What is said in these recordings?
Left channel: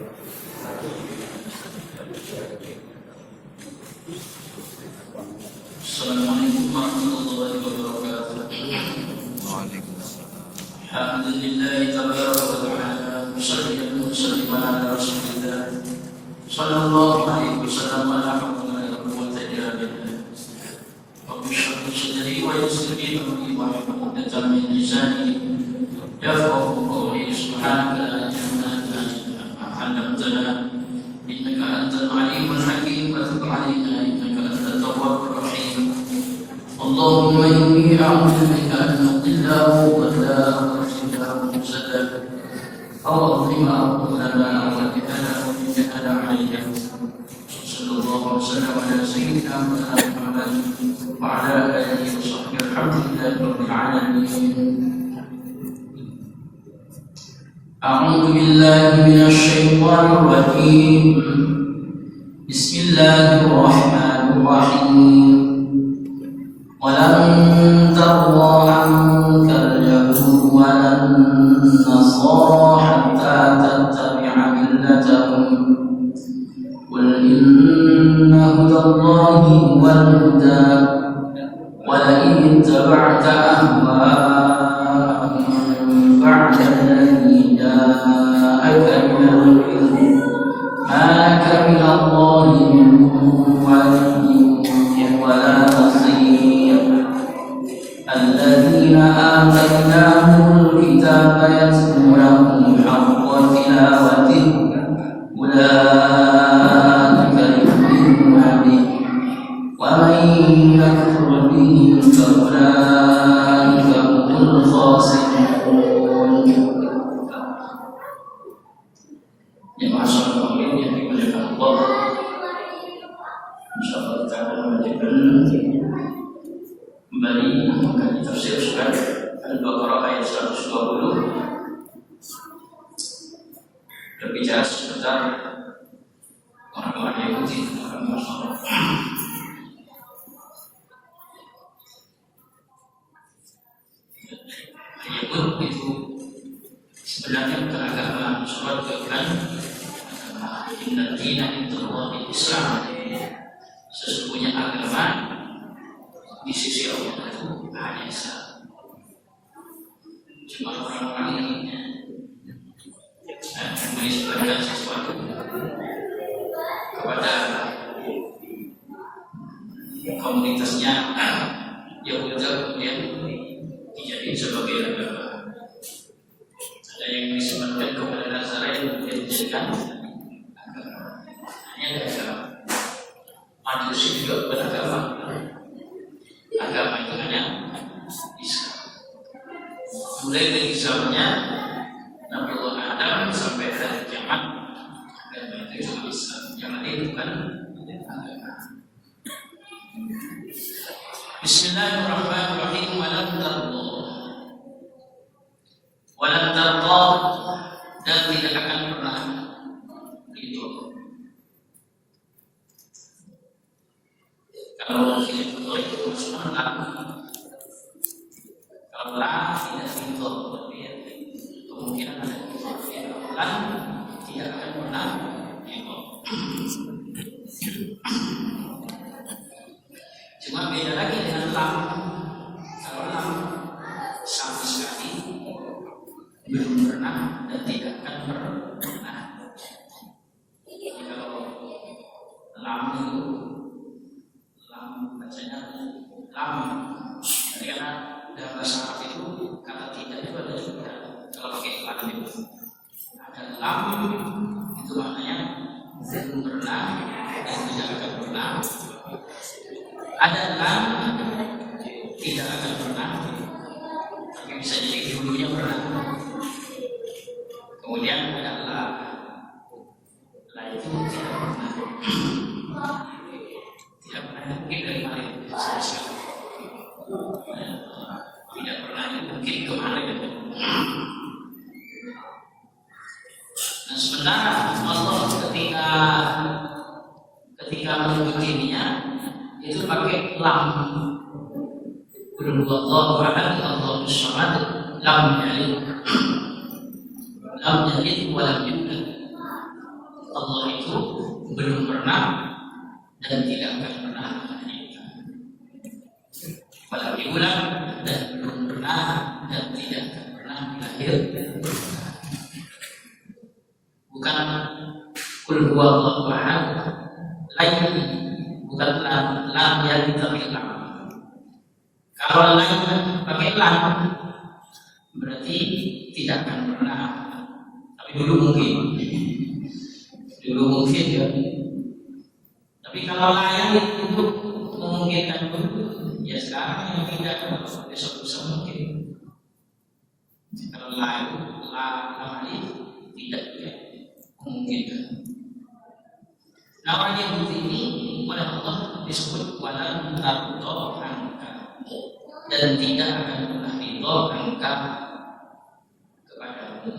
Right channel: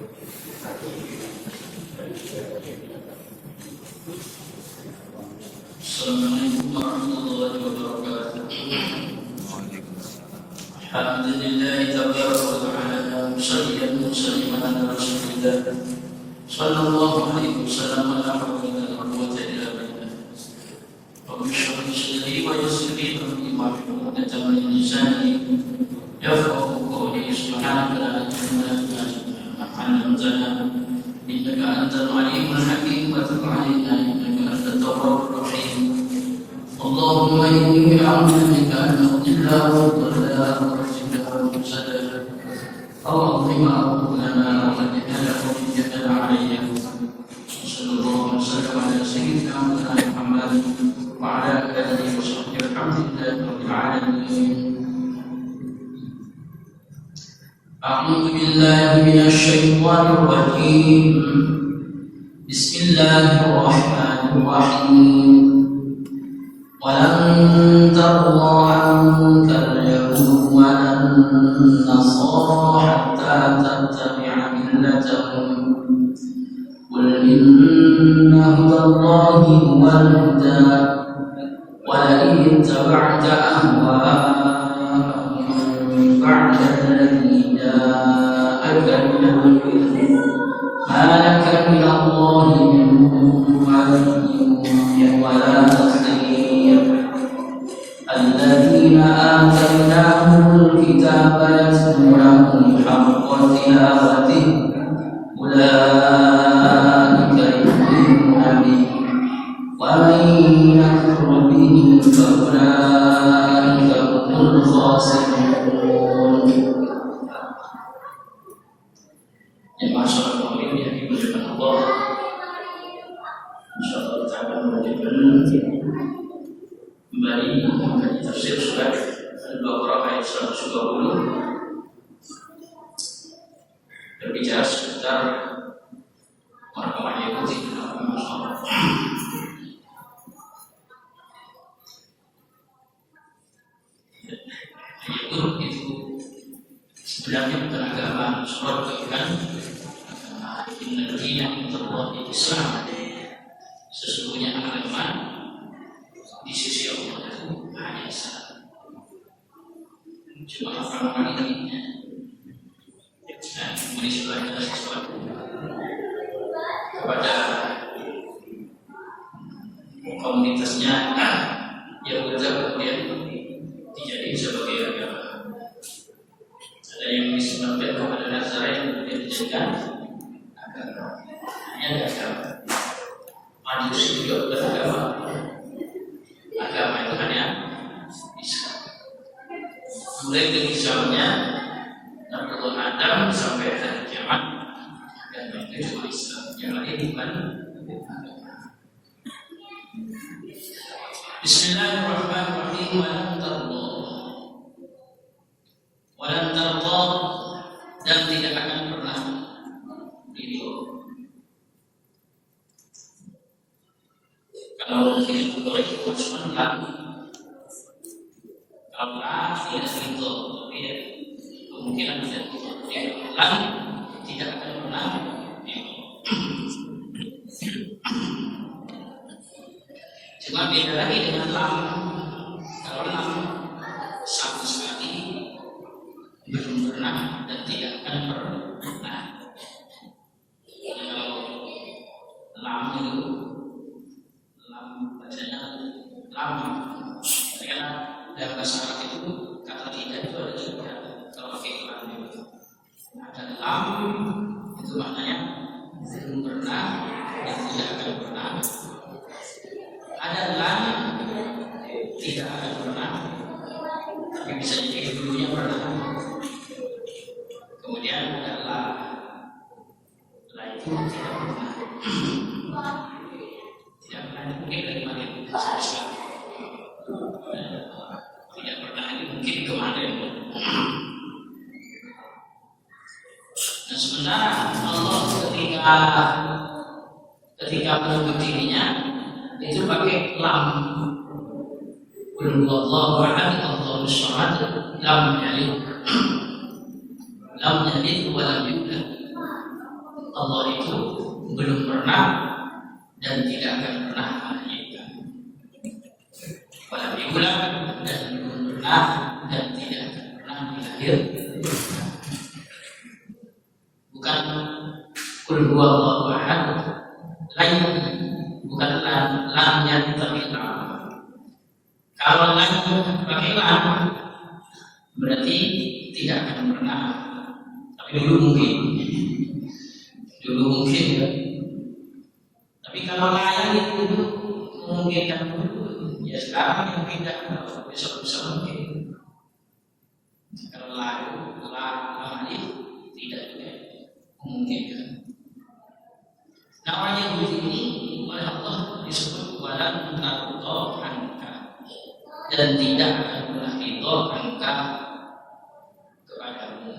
Assalamualaikum warahmatullahi wabarakatuh. Alhamdulillahi tabaraka wa ta'ala, musalliyan musalliman ala rasulillah sallallahu alaihi wasallam, la hawla wa la quwwata illa billah. Rabbi shrah li sadri wa yassir li amri wahlul 'uqdatam min lisani yafqahu qawli. Subhanaka la ilma lana illa ma 'allamtana innaka antal alimul hakim wa tub 'alaina innaka antat tawwabur rahim. Allahumma inni a'udzu bika an adilla wa adalla wa asilla wa usada aw adhima aw udlama aw adhala aw yajhala alayya. Sallallahu alaihi wasallam ala sayyidina Muhammad wa ala alihi wa sahbihi alhamdulillahi rabbil alamin. A'udzu billahi minasy syaithanir rajim. Bismillahirrahmanirrahim. وَلَن تَرْضَىٰ عَنكَ الْيَهُودُ وَلَا النَّصَارَىٰ حَتَّىٰ تَتَّبِعَ مِلَّتَهُمْ قُلْ إِنَّ هُدَى اللَّهِ هُوَ الْهُدَىٰ وَلَئِنِ اتَّبَعْتَ أَهْوَاءَهُم بَعْدَ الَّذِي جَاءَكَ مِنَ الْعِلْمِ مَا لَكَ مِنَ اللَّهِ مِن وَلِيٍّ وَلَا نَصِيرٍ. الذين آتيناهم الكتاب يتلونه حق تلاوته أولئك يؤمنون به ومن يكفر به فأولئك هم الخاسرون. Yang masalah pemimpin yang dimuliakan Allah, insyaallah kita akan melanjutkan kembali mengkaji tafsir surat Al-Baqarah ayat 120, berbicara seputar orang-orang Yahudi dalam masalah. Yahudi itu sebenarnya bukan agama surat bukan agama. Inna dina indallahi Islam. Sesungguhnya agama di sisi Allah itu hanya Islam. Cuma orang-orang ini menisbahkan sesuatu kepada komunitasnya Yahudi kemudian dijadikan sebagai agama. Ada yang menisbahkan kepada Nasrani kemudian dijadikan agama. Ini ada agama. Majusi juga beragama. Agama itu hanya Islam. Mulai dari zamannya Nabi Adam sampai hari kiamat, agama itu cuma Islam. Yang lain bukan agama. Bismillahirrahmanirrahim. Walan tarda, dan tidak akan pernah ridho. Kalau tidak boleh masuk kalau lah tidak ridho, tapi kemungkinan ada lah tidak akan pernah ridho. Cuma beda lagi dengan lam. Kalau lam sama sekali belum pernah dan tidak akan pernah. Kalau lam itu bacanya lam, karena dalam bahasa Arab itu kata tidak itu ada juga. Kalau pakai lam itu ada lam, itu maknanya belum pernah dan tidak akan pernah. Ada lam tidak akan pernah, tapi bisa jadi dulunya pernah. Kemudian ada la itu tidak pernah. Tidak pernah itu mungkin dari mana sama sekali. Tidak pernah itu mungkin kemarin. Nah sementara Allah ketika menyebut dirinya itu pakai lam. Qul huwallahu ahad, Allahus samad, lam yalid wa lam yulad. Allah itu belum pernah dan tidak akan pernah melahirkan. Walau diulang dan belum pernah dan tidak akan pernah dilahirkan. Bukan kul huwallahu ahad, lain, bukan lam yang terbilang. Kalau lain pakai lam berarti tidak akan pernah. Tapi dulu mungkin ya. Tapi kalau lain itu memungkinkan dulu, ya sekarang yang tidak, besok mungkin. Kalau lain tidak juga memungkinkan. Nah, orang Yahudi ini oleh Allah disebut walan tarudho anka, dan tidak akan pernah ridho angka kepadamu.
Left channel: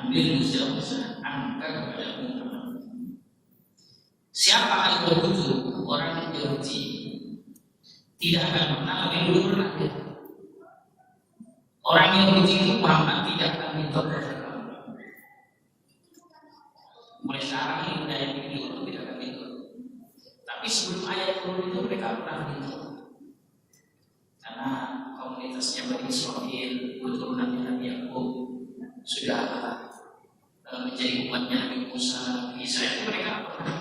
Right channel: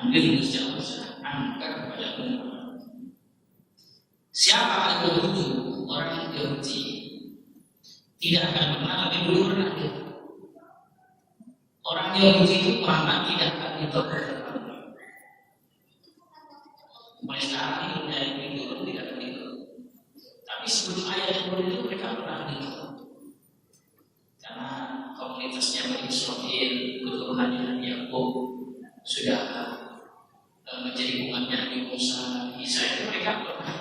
Ambil mustahil angka kepadamu. Siapa yang Yahudi? Orang Yahudi tidak akan pernah, lebih dulu pernah. Orang Yahudi itu Muhammad tidak akan ridho kepada mulai sekarang ini dari video tidak ada itu. Tapi sebelum ayat turun itu mereka pernah itu. Karena komunitasnya Bani Israil, keturunannya Nabi Yakub sudah menjadi umatnya Nabi Musa, Isa, itu mereka pernah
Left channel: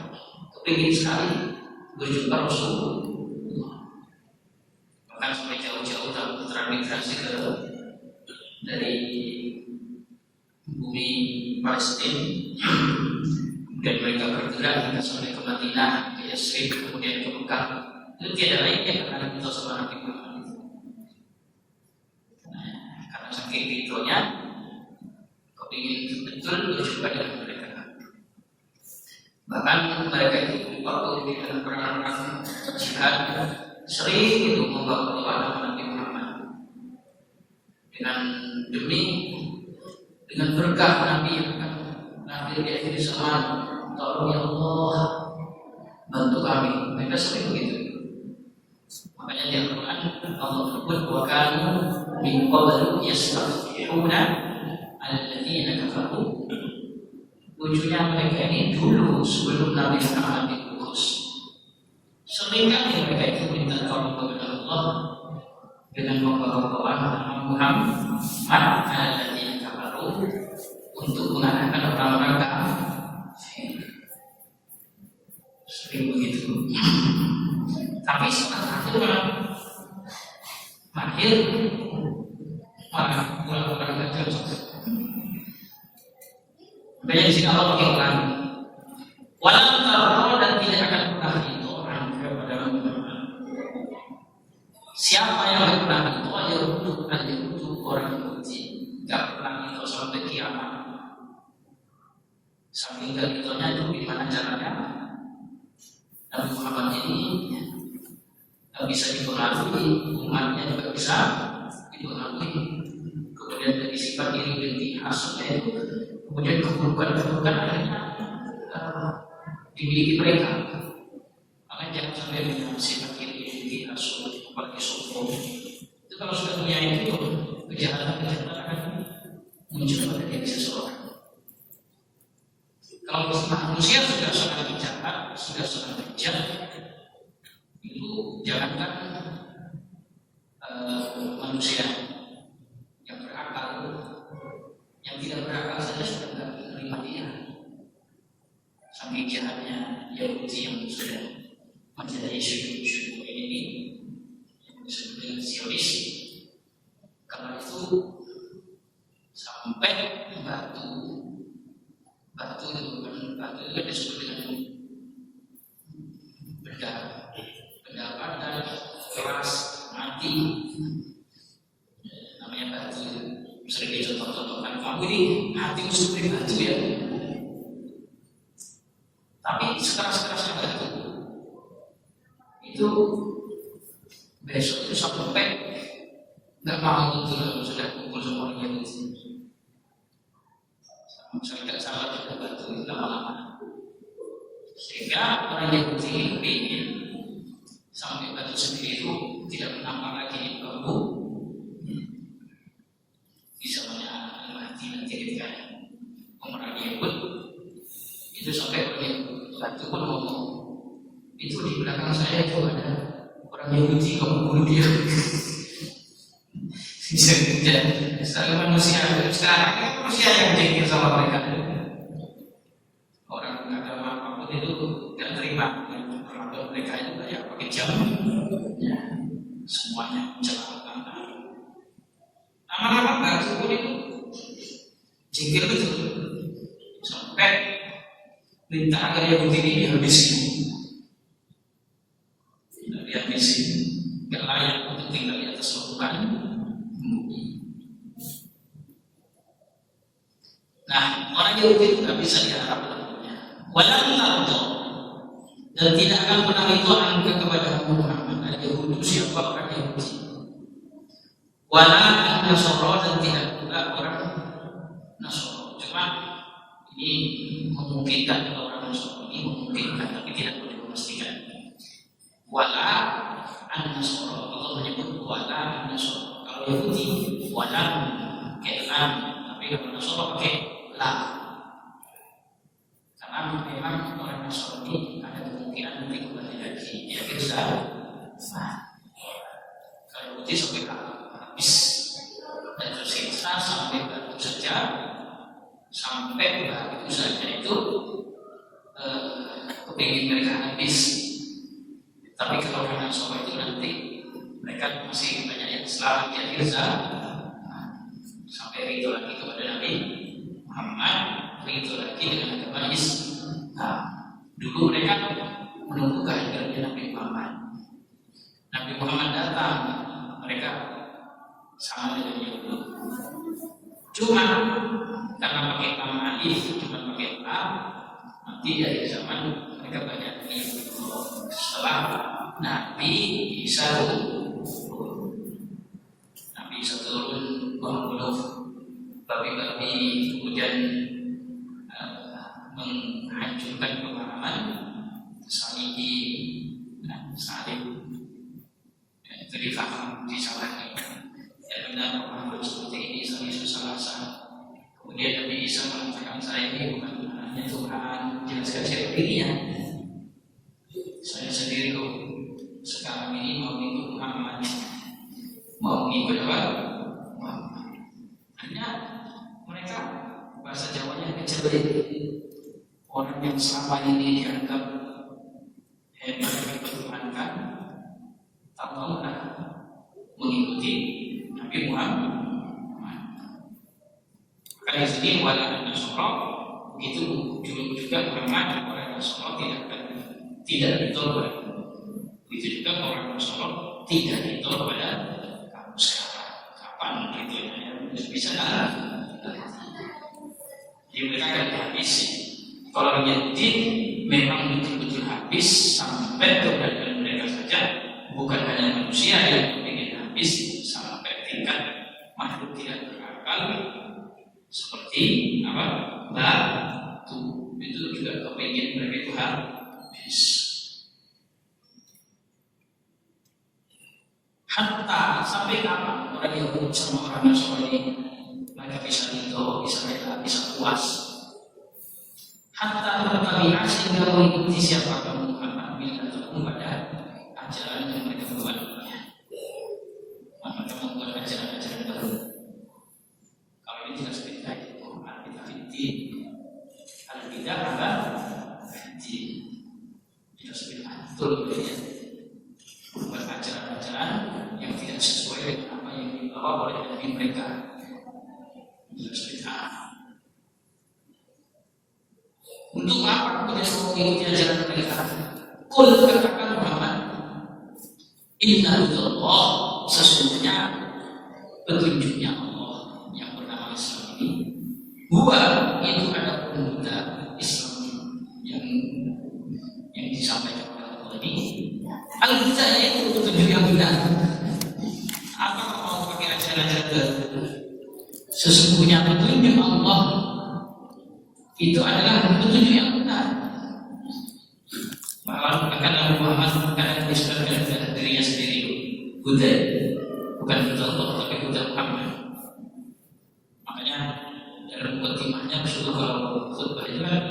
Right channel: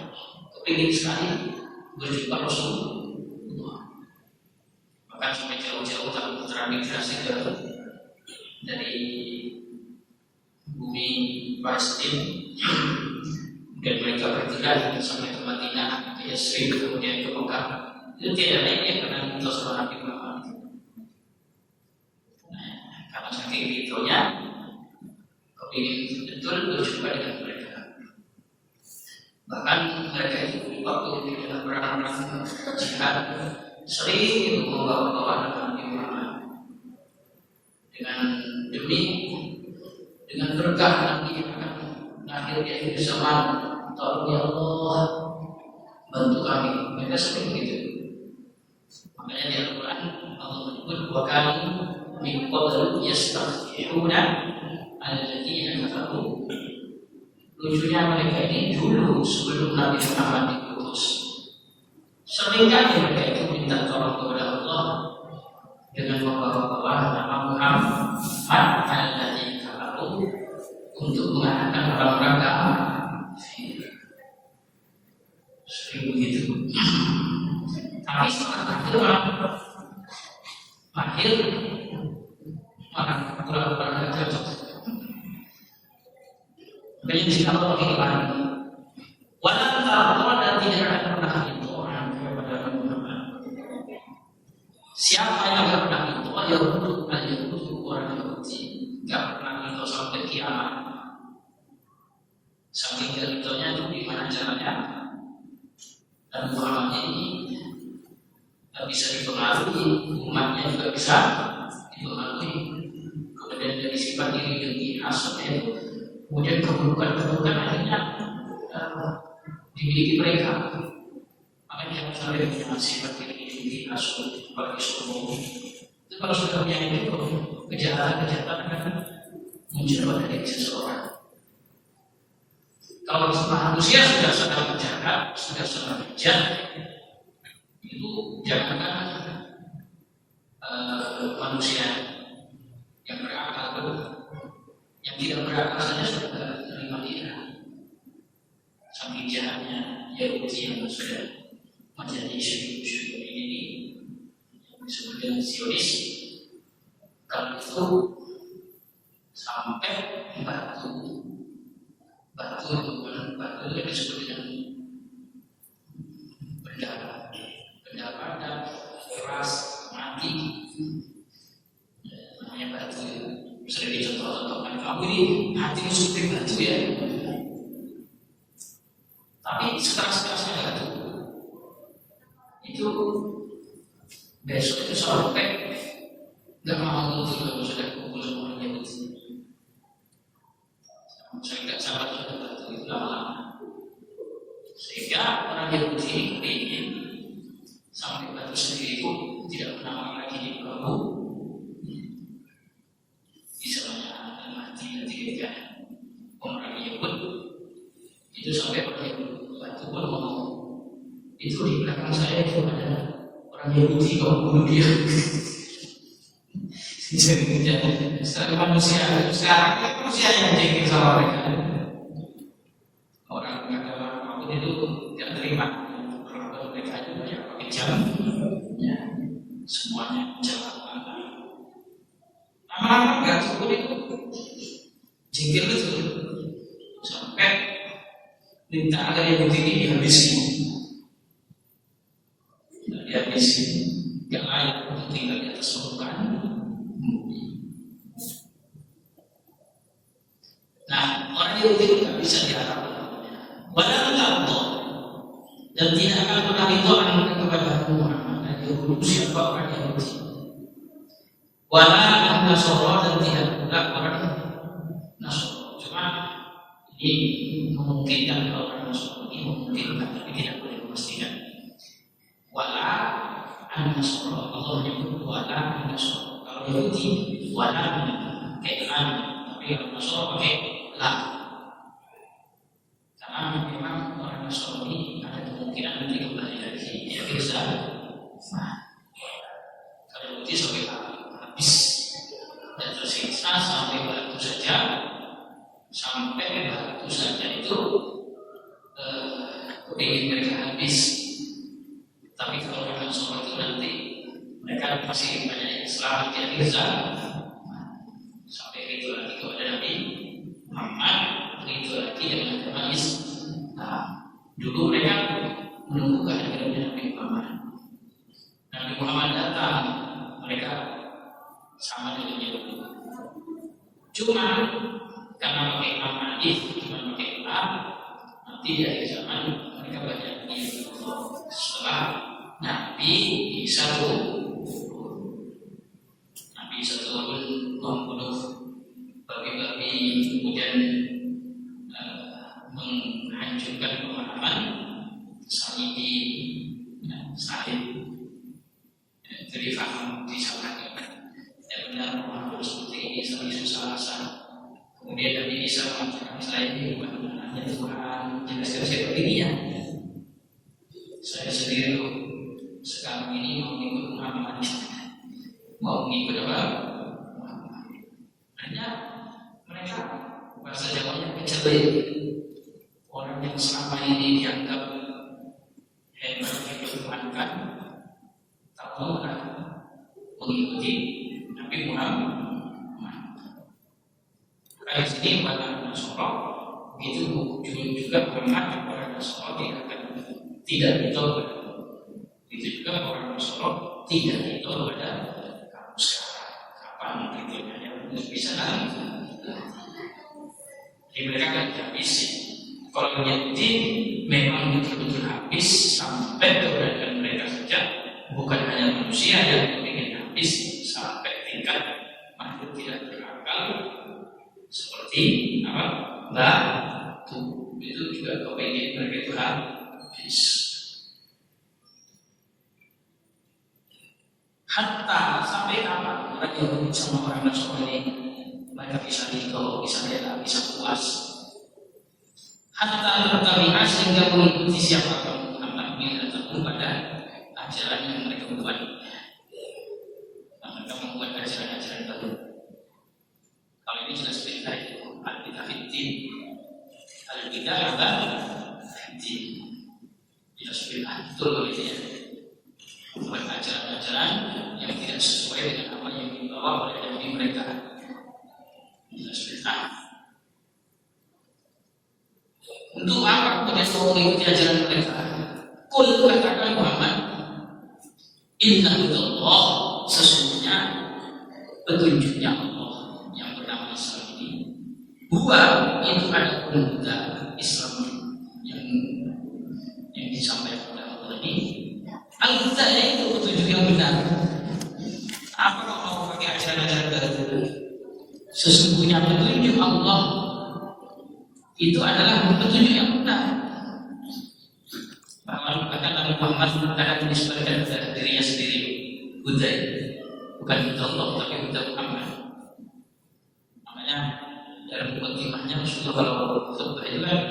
kepingin sekali berjumpa Rasulullah. Bahkan sampai jauh-jauh termigrasi ke dari bumi Palestina. Dan mereka bergerak sampai ke Madinah, ke Yasrib, kemudian ke Mekah. Itu tiada lainnya karena kita sama Nabi Muhammad. Nah, karena saking ridhonya, kepingin betul berjumpa dengan mereka. Bahkan mereka itu waktu di dalam perang-perang jihad sering itu membawa nama Nabi Muhammad dengan berkah Nabi yang akan lahir di akhir zaman. Tolong ya Allah, bantu kami. Mereka sering begitu. Makanya di Al-Quran Allah menyebut wa kanu min qablu yastafihuna alladziina kafaru. Lucunya mereka ini dulu sebelum Nabi Muhammad diutus, seringkali mereka itu minta tolong kepada Allah dengan membawa nama Muhammad alladziina kafaru untuk mengalahkan orang-orang kafir. Sering begitu. Tapi setelah itu lahir malah kurang cocok. Makanya di sini Allah pakai ulang. Walau tarudho, dan tidak akan pernah ridho kepada Muhammad. Siapa yang tidak pernah ridho? Al-Yahudu, orang Yahudi, tidak pernah ridho sampai kiamat. Saking ridhonya itu gimana caranya? Nabi Muhammad ini bisa dipengaruhi, umatnya juga bisa dipengaruhi. Kemudian dari sifat iri dengki hasutnya itu, kemudian keburukan akhirnya dimiliki mereka. Makanya jangan sampai punya sifat iri dengki hasut, apalagi sombong. Itu kalau sudah punya itu, kejahatan akan muncul pada diri seseorang. Kalau manusia sudah sangat jahat, sudah sangat bejat, itu jangankan manusia yang berakal, yang tidak berakal saja sudah tidak menerima dia. Saking jahatnya Yahudi yang sudah menjadi syukur ini yang disebut dengan Zionis. Kalau itu sampai batu itu kan disebut dengan benda padat, keras, mati, namanya batu. Sering dicontoh-contohkan, kamu ini hatimu seperti batu ya. Tapi sekeras-kerasnya batu itu besok itu sampai nggak mau kalau sudah kumpul sama orang Yahudi. Saya nggak sabar sudah batu itu lama-lama, sehingga orang Yahudi ini kepingin sampai batu sendiri itu tidak pernah lagi dibawa, bisa mati ketika pemerangi Yahud Itu sampai satu pun ngomong, itu di belakang saya itu ada orang Yahudi, kamu bunuh dia. Sekarang manusia yang jengkel sama mereka. Orang agama apapun itu tidak terima. Perlakuan mereka itu ya pakai jam, ya semuanya celaka. Lama-lama batu pun itu jengkel betul, sampai minta agar Yahudi ini dihabisi. Dihabisi, gak layak untuk tinggal di atas permukaan. Nah, orang Yahudi tidak bisa diharap. Walau tardo, dan tidak akan pernah ridho angka kepada Muhammad. Yahudi siapa orang Yahudi? Walau Nasoro, dan tidak pula orang Nasoro. Cuma ini memungkinkan orang Nasoro ini memungkinkan, tapi tidak boleh memastikan. Walau Nasoro, Allah menyebut walau Nasoro. Kalau Yahudi walau pakai lam, tapi kalau Nasoro pakai lam. Karena memang orang Nasrani ada kemungkinan nanti kembali lagi di akhir zaman. Kalau Yahudi sampai habis, dan tersiksa sampai batu saja, itu kepingin mereka habis. Tapi kalau orang Nasrani itu nanti mereka masih banyak yang selamat di akhir zaman, sampai itu lagi kepada Nabi Muhammad, itu lagi dengan agama Islam. Dulu mereka menunggu kehadirannya Nabi Muhammad. Nabi Muhammad datang, mereka sama dengan Yahudi. Cuma karena pakai nama alif, cuma pakai lam, nanti dari zaman mereka banyak Yahudi. Setelah Nabi Isa turun, membunuh babi-babi, kemudian menghancurkan pemahaman salib, itu difaham, disalahkan. Ya benar, pemahaman seperti ini salib salah. Kemudian Nabi Isa mengatakan, saya ini bukan anaknya Tuhan. Jelaskan seperti ini ya. Saya sendiri loh, sekarang ini mau mengikut Muhammad. Mau mengikut apa? Muhammad. Hanya mereka bahasa Jawanya kecil. Orang yang selama ini dianggap hebat, diperluankan, tak mau mengikuti Nabi Muhammad. Kayak sini wala Nasoro, begitu juga Muhammad, orang Nasoro tidak ditolak. Begitu juga orang Nasoro tidak ditolak pada kamu sekarang. Kapan gitu ya? Bisa dalam. Jadi mereka akan habis. Kalau Yahudi memang betul-betul habis sampai keberadaan mereka saja, bukan hanya manusia yang ingin habis sampai tingkat makhluk tidak berakal seperti apa? Batu itu juga kepingin mereka itu habis. Hatta sampai kapan orang Yahudi sama orang Nasrani mereka bisa ridho, bisa rela, bisa puas. Hatta tabi'ah sehingga mengikuti siapapun Muhammad ataupun pada ajaran yang mereka buat. Mereka membuat ajaran-ajaran baru. Kalau ini jelas beda itu. Al-bidah fiddin. Al-bidah apa? Fiddin. Jelas beda. Betul ini ya. Membuat ajaran-ajaran yang tidak sesuai dengan apa yang dibawa oleh Nabi mereka. Jelas beda. Untuk apa kemudian semua mengikuti ajaran mereka? Kul katakan Muhammad, inna hudallah, sesungguhnya petunjuknya Allah yang bernama Islam ini, huwa itu ada pemuda Islam yang disampaikan oleh Allah ini. Al-huda itu petunjuk yang benar. Apa kalau mau pakai ajaran-ajaran baru? Sesungguhnya petunjuk Allah itu adalah petunjuk yang benar. Bahkan Nabi Muhammad kadang menisbahkan dirinya sendiri Huda, bukan Huda Allah tapi Huda Muhammad. Makanya dalam mukadimahnya Rasulullah kalau khutbah itu kan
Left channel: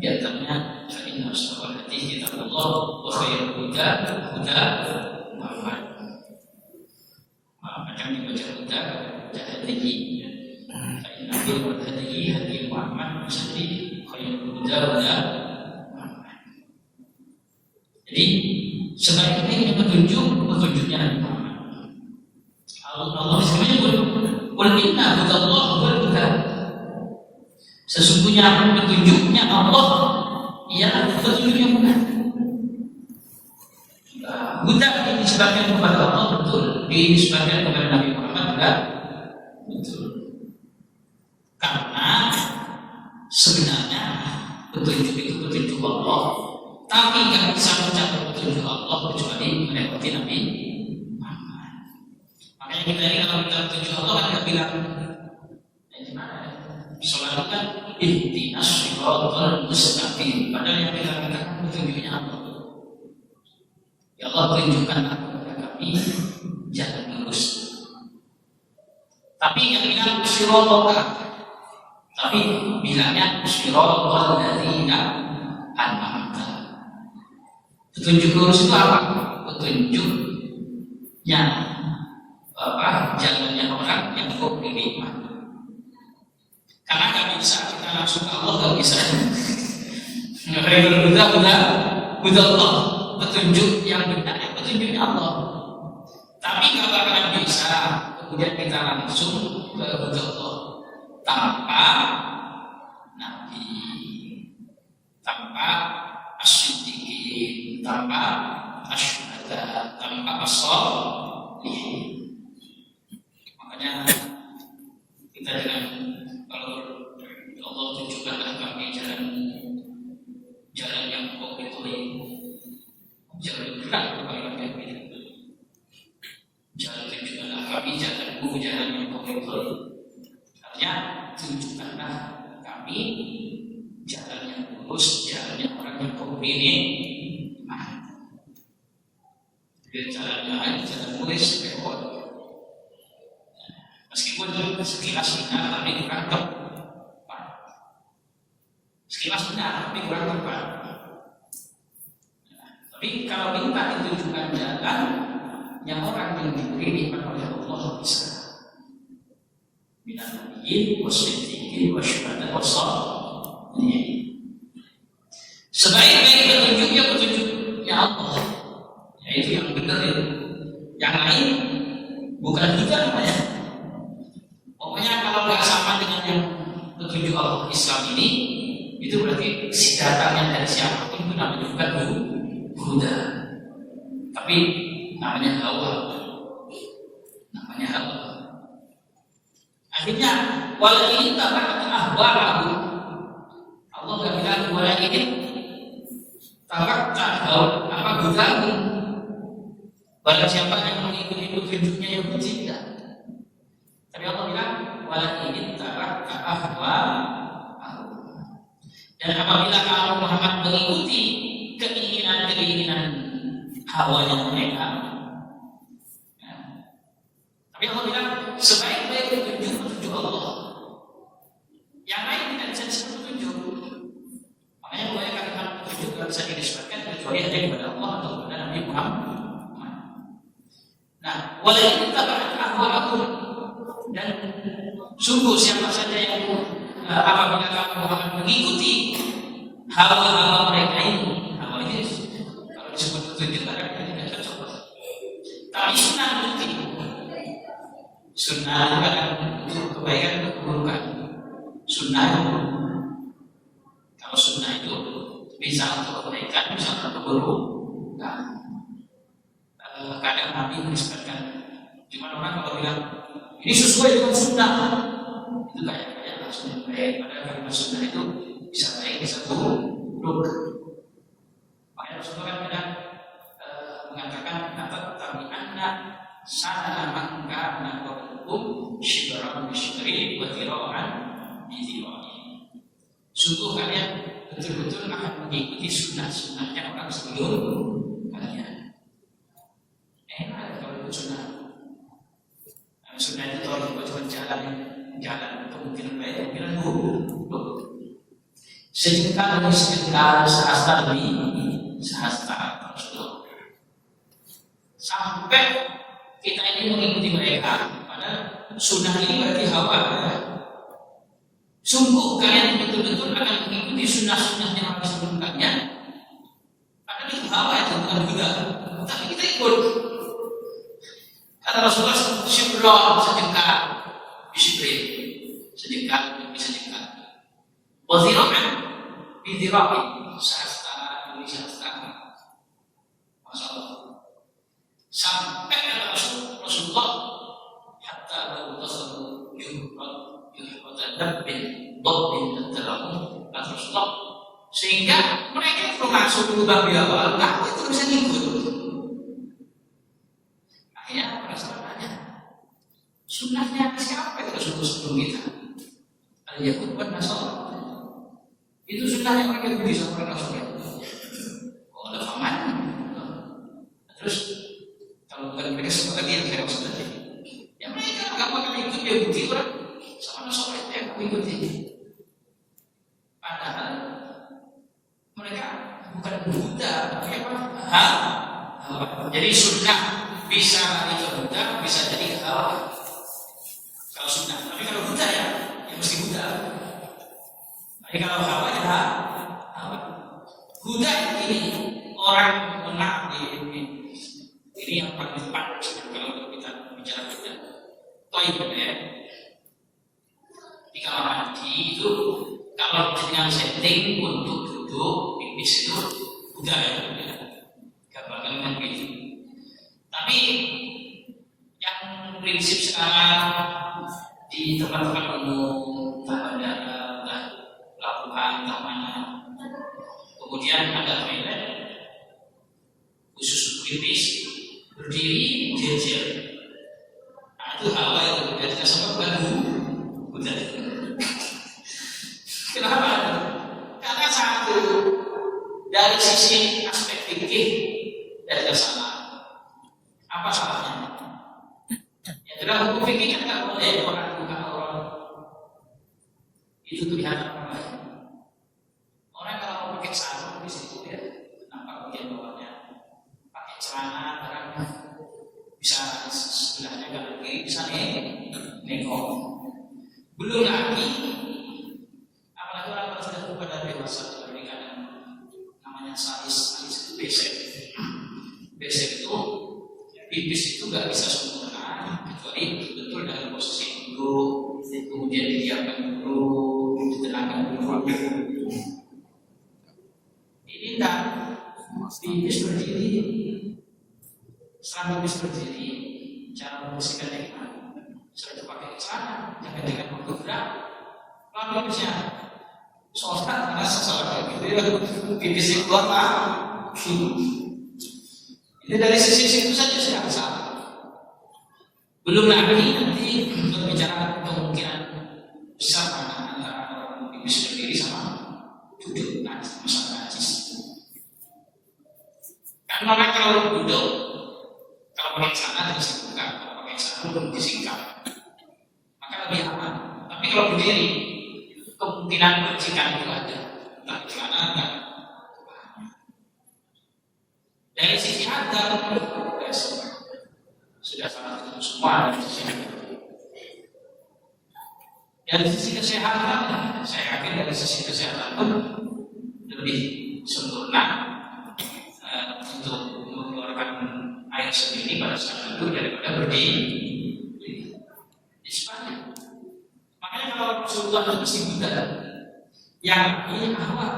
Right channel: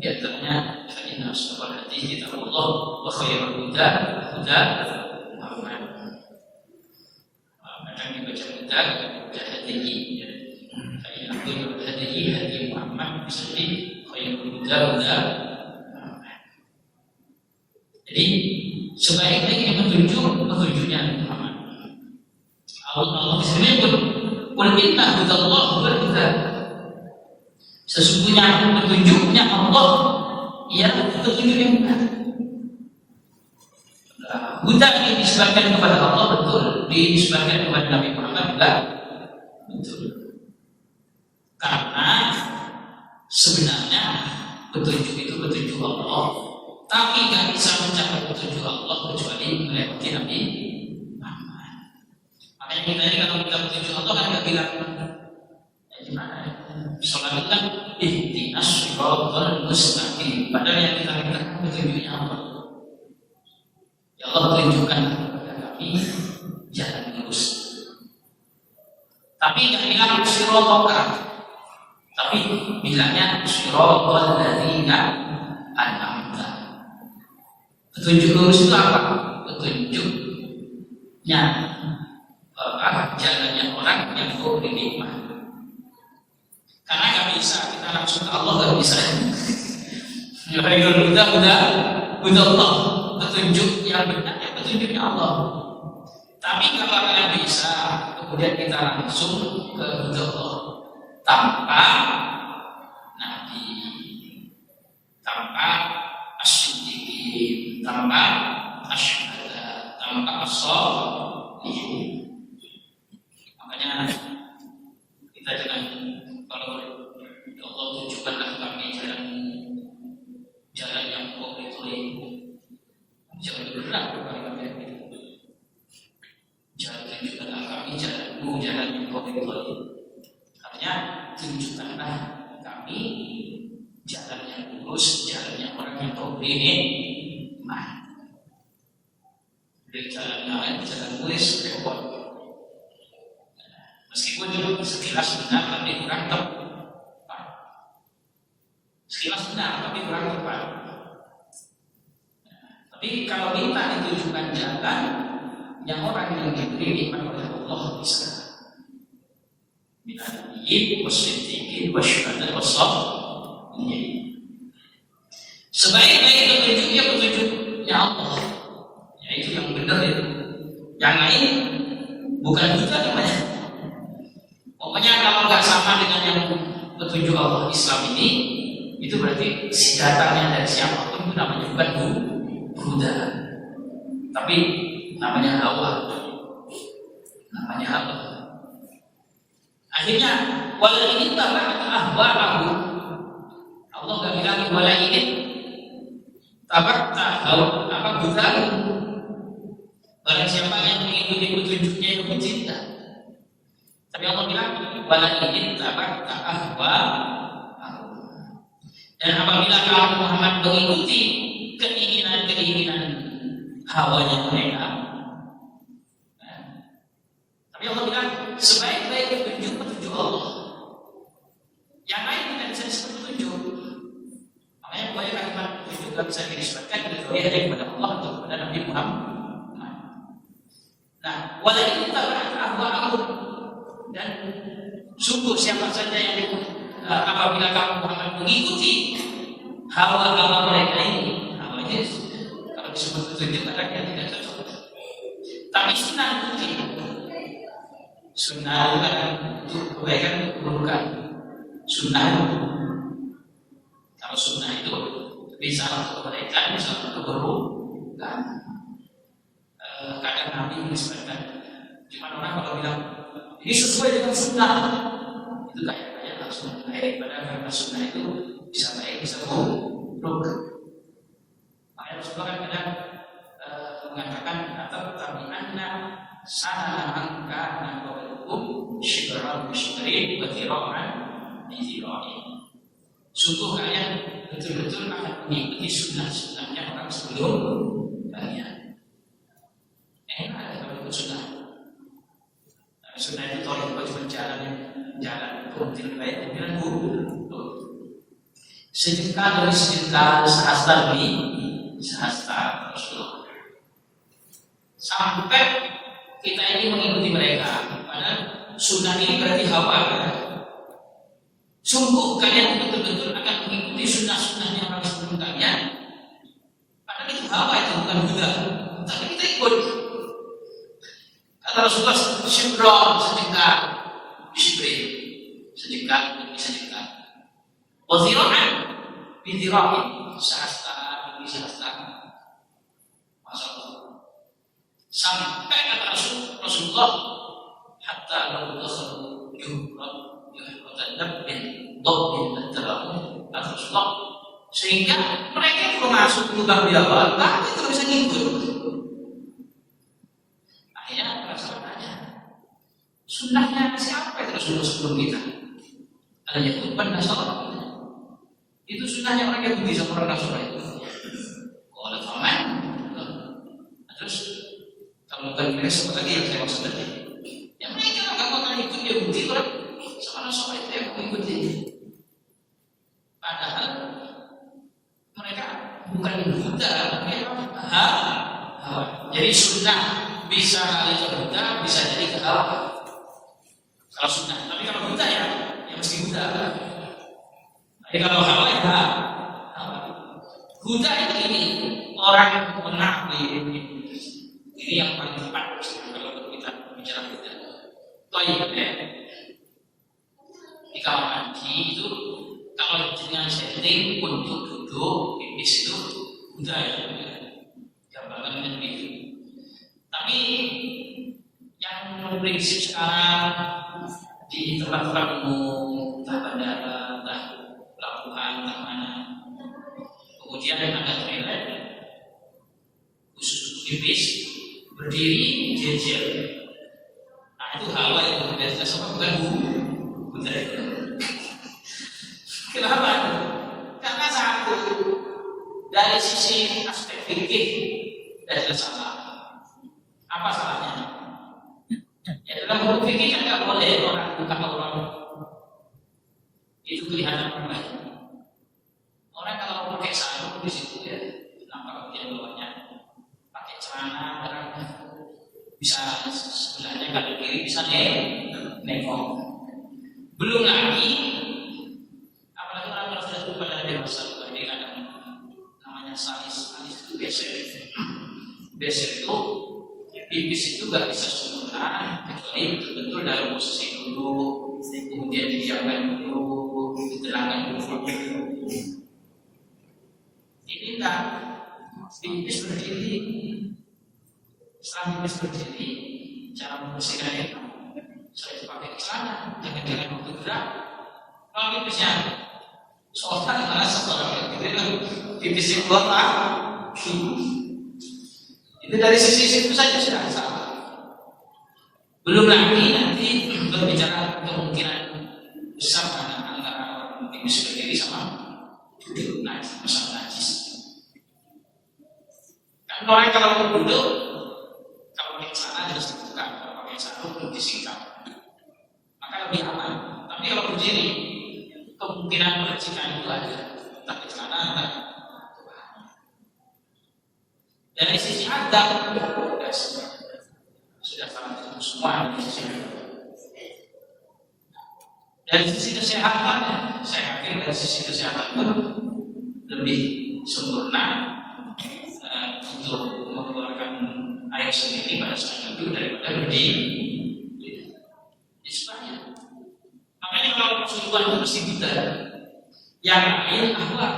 Di antaranya fa inna asdaqal hadits kitabullah wa khairul huda huda Muhammad. Kadang dibaca huda, baca hadihi. Fa inna khairul hadihi hadi Muhammad, bisa jadi khairul huda huda Muhammad. Jadi sebaik-baiknya petunjuknya Muhammad. Allah di sini pun qul inna hudallahi wal huda. Sesungguhnya petunjuknya Allah ialah petunjuk yang benar. Huda dinisbahkan kepada Allah betul, dinisbahkan kepada Nabi Muhammad juga betul. Karena sebenarnya petunjuk itu petunjuk Allah, tapi nggak bisa mencapai petunjuk Allah kecuali melewati Nabi Muhammad. Makanya kita ini kalau kita petunjuk Allah kan nggak bilang gimana ya? Sholat kan ihdinas shiratal mustaqim. Padahal yang kita minta petunjuknya Allah. Ya Allah, tunjukkan kepada kami jalan lurus. Tapi yang bilang shiratal, tapi bilangnya shiratal ladzina an'amta. Petunjuk lurus itu apa? Petunjuknya jalannya orang yang kau beri nikmat. Karena gak bisa kita langsung ke Allah, gak bisa. Nggak udah Allah, petunjuk yang benar, petunjuknya Allah. Tapi kalau kalian bisa, kemudian kita langsung ke Allah tanpa Nabi, tanpa as-siddiqin, tanpa asyhada, tanpa as-shalihin. Makanya kita jangan, kalau Allah tunjukkanlah kami jalan yang kau pilih, jalan berat kepada kami. Jalan tunjukkanlah kami jalanmu, jalan yang kau pilih. Artinya tunjukkanlah kami jalan yang lurus, jalan yang orang yang kau pilih. Dari jalan lain, jalan lurus, repot. Meskipun sekilas benar, tapi kurang tepat. Sekilas benar, tapi kurang tepat. Tapi kalau minta ditunjukkan jalan yang orang yang diberi nikmat oleh Allah bisa. Minan nabiyyin wasiddiqin wasyuhada wassalihin. Sebaik-baik petunjuknya petunjuknya Allah, yaitu yang benar itu. Yang lain bukan kita namanya. Pokoknya kalau nggak sama dengan yang petunjuk Allah Islam ini, itu berarti datangnya dari siapapun itu namanya bukan huda, tapi namanya hawa, namanya hawa. Akhirnya wala ini tabakat ahwa'ahu. Allah nggak bilang wala ini tabakat apa hudahu. Barang siapa yang mengikuti petunjuknya itu mencinta. Tapi Allah bilang wala in tabatta ahwa. Dan apabila kamu Muhammad mengikuti keinginan-keinginan hawanya mereka, tapi Allah bilang sebaik-baik petunjuk Allah. Yang lain tidak bisa disebut petunjuk. Makanya banyak kalimat petunjuk tidak bisa dinisbatkan kecuali hanya kepada Allah atau kepada Nabi Muhammad. Nah, wala in tabatta ahwa. Dan sungguh siapa saja yang apabila kamu Muhammad mengikuti hawa-hawa mereka ini, hawa Yesus, kalau disebut petunjuk anaknya tidak cocok. Tapi sunnah itu, sunnah untuk kebaikan, untuk keburukan. Sunnah itu, kalau sunnah itu bisa untuk kebaikan, bisa untuk keburukan. Kadang Nabi menisbatkan, cuma orang kalau bilang ini sesuai dengan sunnah, itu kayak langsung baik. Padahal sunnah itu bisa baik, bisa buruk. Makanya Rasulullah kan kadang mengatakan kata tabi'anna sana mangka naqalukum syibran bi syibrin wa dhira'an bi dhira'in. Sungguh kalian betul-betul akan mengikuti sunnah-sunnahnya orang sebelum kalian. Enak kalau ikut sunnah. Sunnah itu kalau cuma jalan untuk tidak baik, mungkin buruk. Sejengkal demi sejengkal, sehasta demi sehasta Rasulullah. Sampai kita ini mengikuti mereka. Padahal sunnah ini berarti hawa. Sungguh kalian betul-betul akan mengikuti sunnah-sunnahnya orang sebelum kalian. Padahal itu hawa, itu bukan Buddha. Tapi kita ikut. Kata Rasulullah, syibron, sejengkal, bisibrin, sejengkal demi sejengkal. Wazira'an, bidhira'in, sehasta demi sehasta. Masya Allah. Sampai kata Rasulullah, hatta lalu dakhalu yuhratan dabbin dhabbin terlalu kata Rasulullah, sehingga mereka kalau masuk lubang di awal, tapi tidak bisa ngikut. Akhirnya Rasulullah tanya, sunnahnya siapa itu Rasulullah sebelum kita? Ada Yahud dan Nasrani. Itu sunnahnya mereka Yahudi sama orang Nasrani. Kalau faman, terus kalau mereka sempat lagi yang saya maksud tadi, yang mereka nggak mau ikut Yahudi orang sama Nasrani itu yang mau ikuti. Padahal mereka bukan Buddha, mereka hawa. Jadi sunnah bisa lari ke Buddha, bisa jadi ke hawa. Kalau sunnah, tapi kalau Buddha ya mesti Buddha. Tapi kalau hawa ya hawa. Buddha ini orang menang ini yang paling tepat kalau kita bicara Buddha. Toib ya. Di kamar mandi itu kalau dengan setting untuk duduk pipis itu Buddha ya. Gambarkan dengan gitu. Tapi yang prinsip sekarang di tempat-tempat umum, entah bandara, entah pelabuhan, entah mana, kemudian ada toilet khusus pipis berdiri jejer. Nah itu hawa itu dari dasar bukan Buddha. Kenapa? Karena satu dari sisi aspek fikih ada salah. Apa salahnya? Ya dalam hukum fikih kan nggak boleh orang buka aurat. Itu kelihatan orang lain. Orang kalau pakai sarung di situ ya, nampak bagian bawahnya. Pakai celana, barangnya bisa sebelahnya kaki kiri bisa nengok. Belum lagi, apalagi orang kalau sudah pada dewasa, seperti kadang namanya salis itu besek itu pipis itu nggak bisa sempurna kecuali betul-betul dalam posisi duduk, kemudian didiamkan dulu, ditenangkan dulu. Ini enggak pipis berdiri, setelah pipis berdiri, cara membersihkannya saya itu pakai celana, jangan dengan waktu gerak. Kalau pipisnya soalnya malah sesuatu gitu, pipis keluar lah. Itu dari sisi itu saja sudah salah. Belum lagi nanti berbicara kemungkinan besar antara orang pipis berdiri sama duduk najis, masalah najis. Kan orang kalau duduk, kalau pakai celana harus dibuka, kalau pakai sarung perlu disingkap, maka lebih aman. Tapi kalau berdiri, kemungkinan percikan itu ada, entah ke celana, entah dari sisi adab sudah sangat semua dari sisi adab. Dari sisi kesehatan, saya yakin dari sisi kesehatan pun lebih sempurna untuk mengeluarkan air sendiri pada saat itu daripada berdiri. Istilahnya. Makanya kalau Rasulullah itu mesti Buddha, yang lain apa?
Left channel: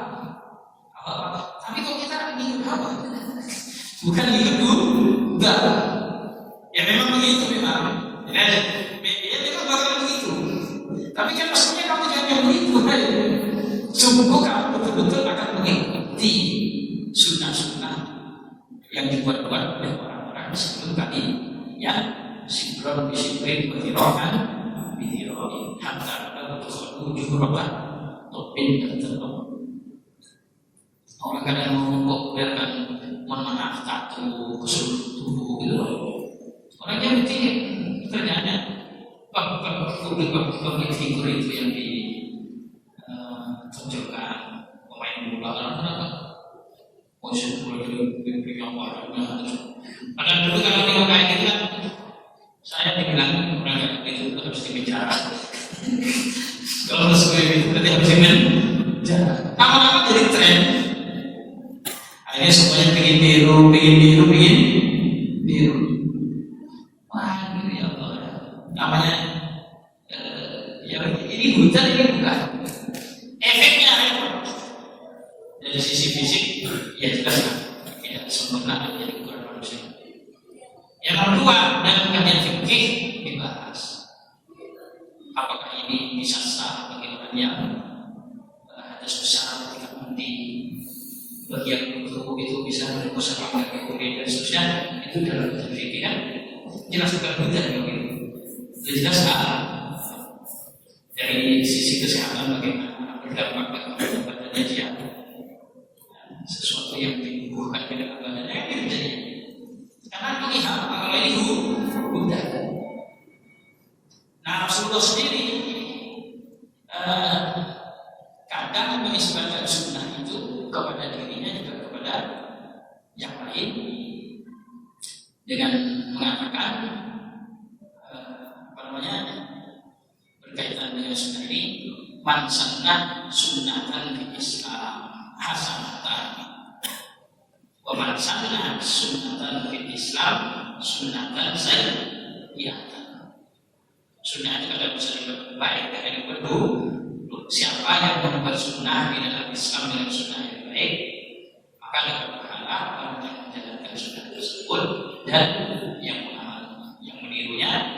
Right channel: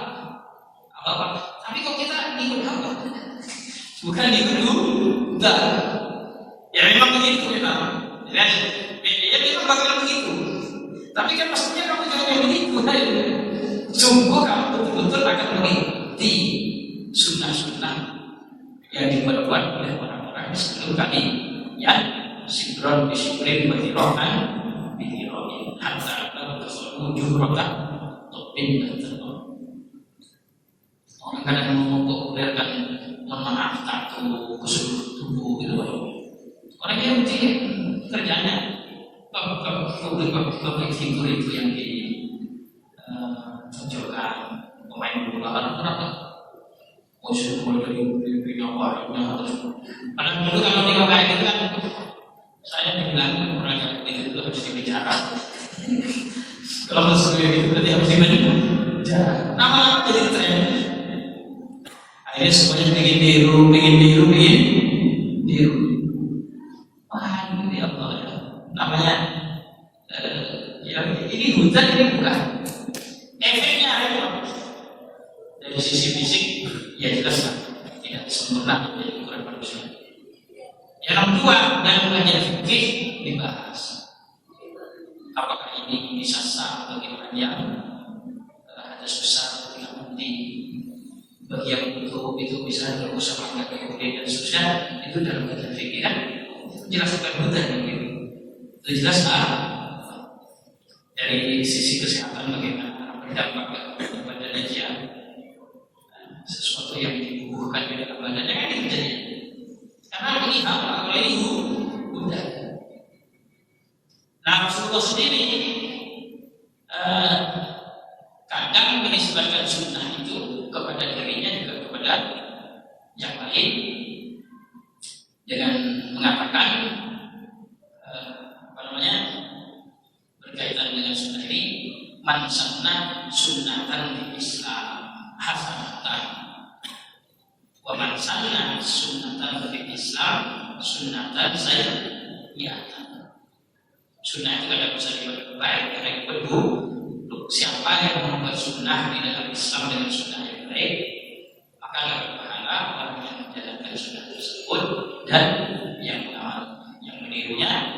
Tapi kok kita ikut apa? Bukan dulu, enggak. Ya memang begitu memang. Ya memang bakal begitu. Tapi kan maksudnya kamu jangan begitu. Sungguh kamu betul-betul akan mengikuti sunnah-sunnah yang dibuat-buat oleh orang-orang sebelum kami. Ya, sibron bisibrin berhirokan, bihirokin, hatta berwujud rokan, topin dan terlalu. Orang kadang mempopulerkan mohon maaf tato ke seluruh tubuh gitu. Orang yang kerjanya public figure itu yang ditonjolkan. Lalu kenapa? Oh, saya mulai dari apa? Padahal dulu kalau tinggal kayak gitu kan, saya dibilang orang yang itu harus dikejar. Kalau masuk itu berarti harus dikejar. Lama-lama jadi tren. Akhirnya semuanya pengen niru. Wah, ya Allah ya. Namanya ya ini hutan ini bukan. Efeknya apa? Dari sisi fisik, ya jelas tidak sempurna menjadi ukuran manusia. Yang kedua, dalam kajian fikih dibahas apakah ini bisa sah bagi orang yang hadas besar ketika mandi, bagi yang itu bisa merusak organ kulit dan seterusnya. Itu dalam kajian fikih kan jelas bukan hutan yang itu jelas dari sisi kesehatan bagaimana berdampak bagi badannya dia, sesuatu yang dibubuhkan di dalam badannya kan itu jadinya. Karena ini hal kalau ini hutan. Nah, Rasulullah sendiri kadang menisbatkan sunnah itu kepada dirinya juga kepada yang lain dengan mengatakan berkaitan dengan sunnah ini, man sanna sunnatan di Islam hasanatan wa man sanna sunnatan di Islam sunnatan sayyi'atan. Sunnah itu ada bisa baik dan yang buruk. Siapa yang membuat sunnah di dalam Islam dengan sunnah yang baik, maka dapat pahala orang yang menjalankan sunnah tersebut dan yang menirunya.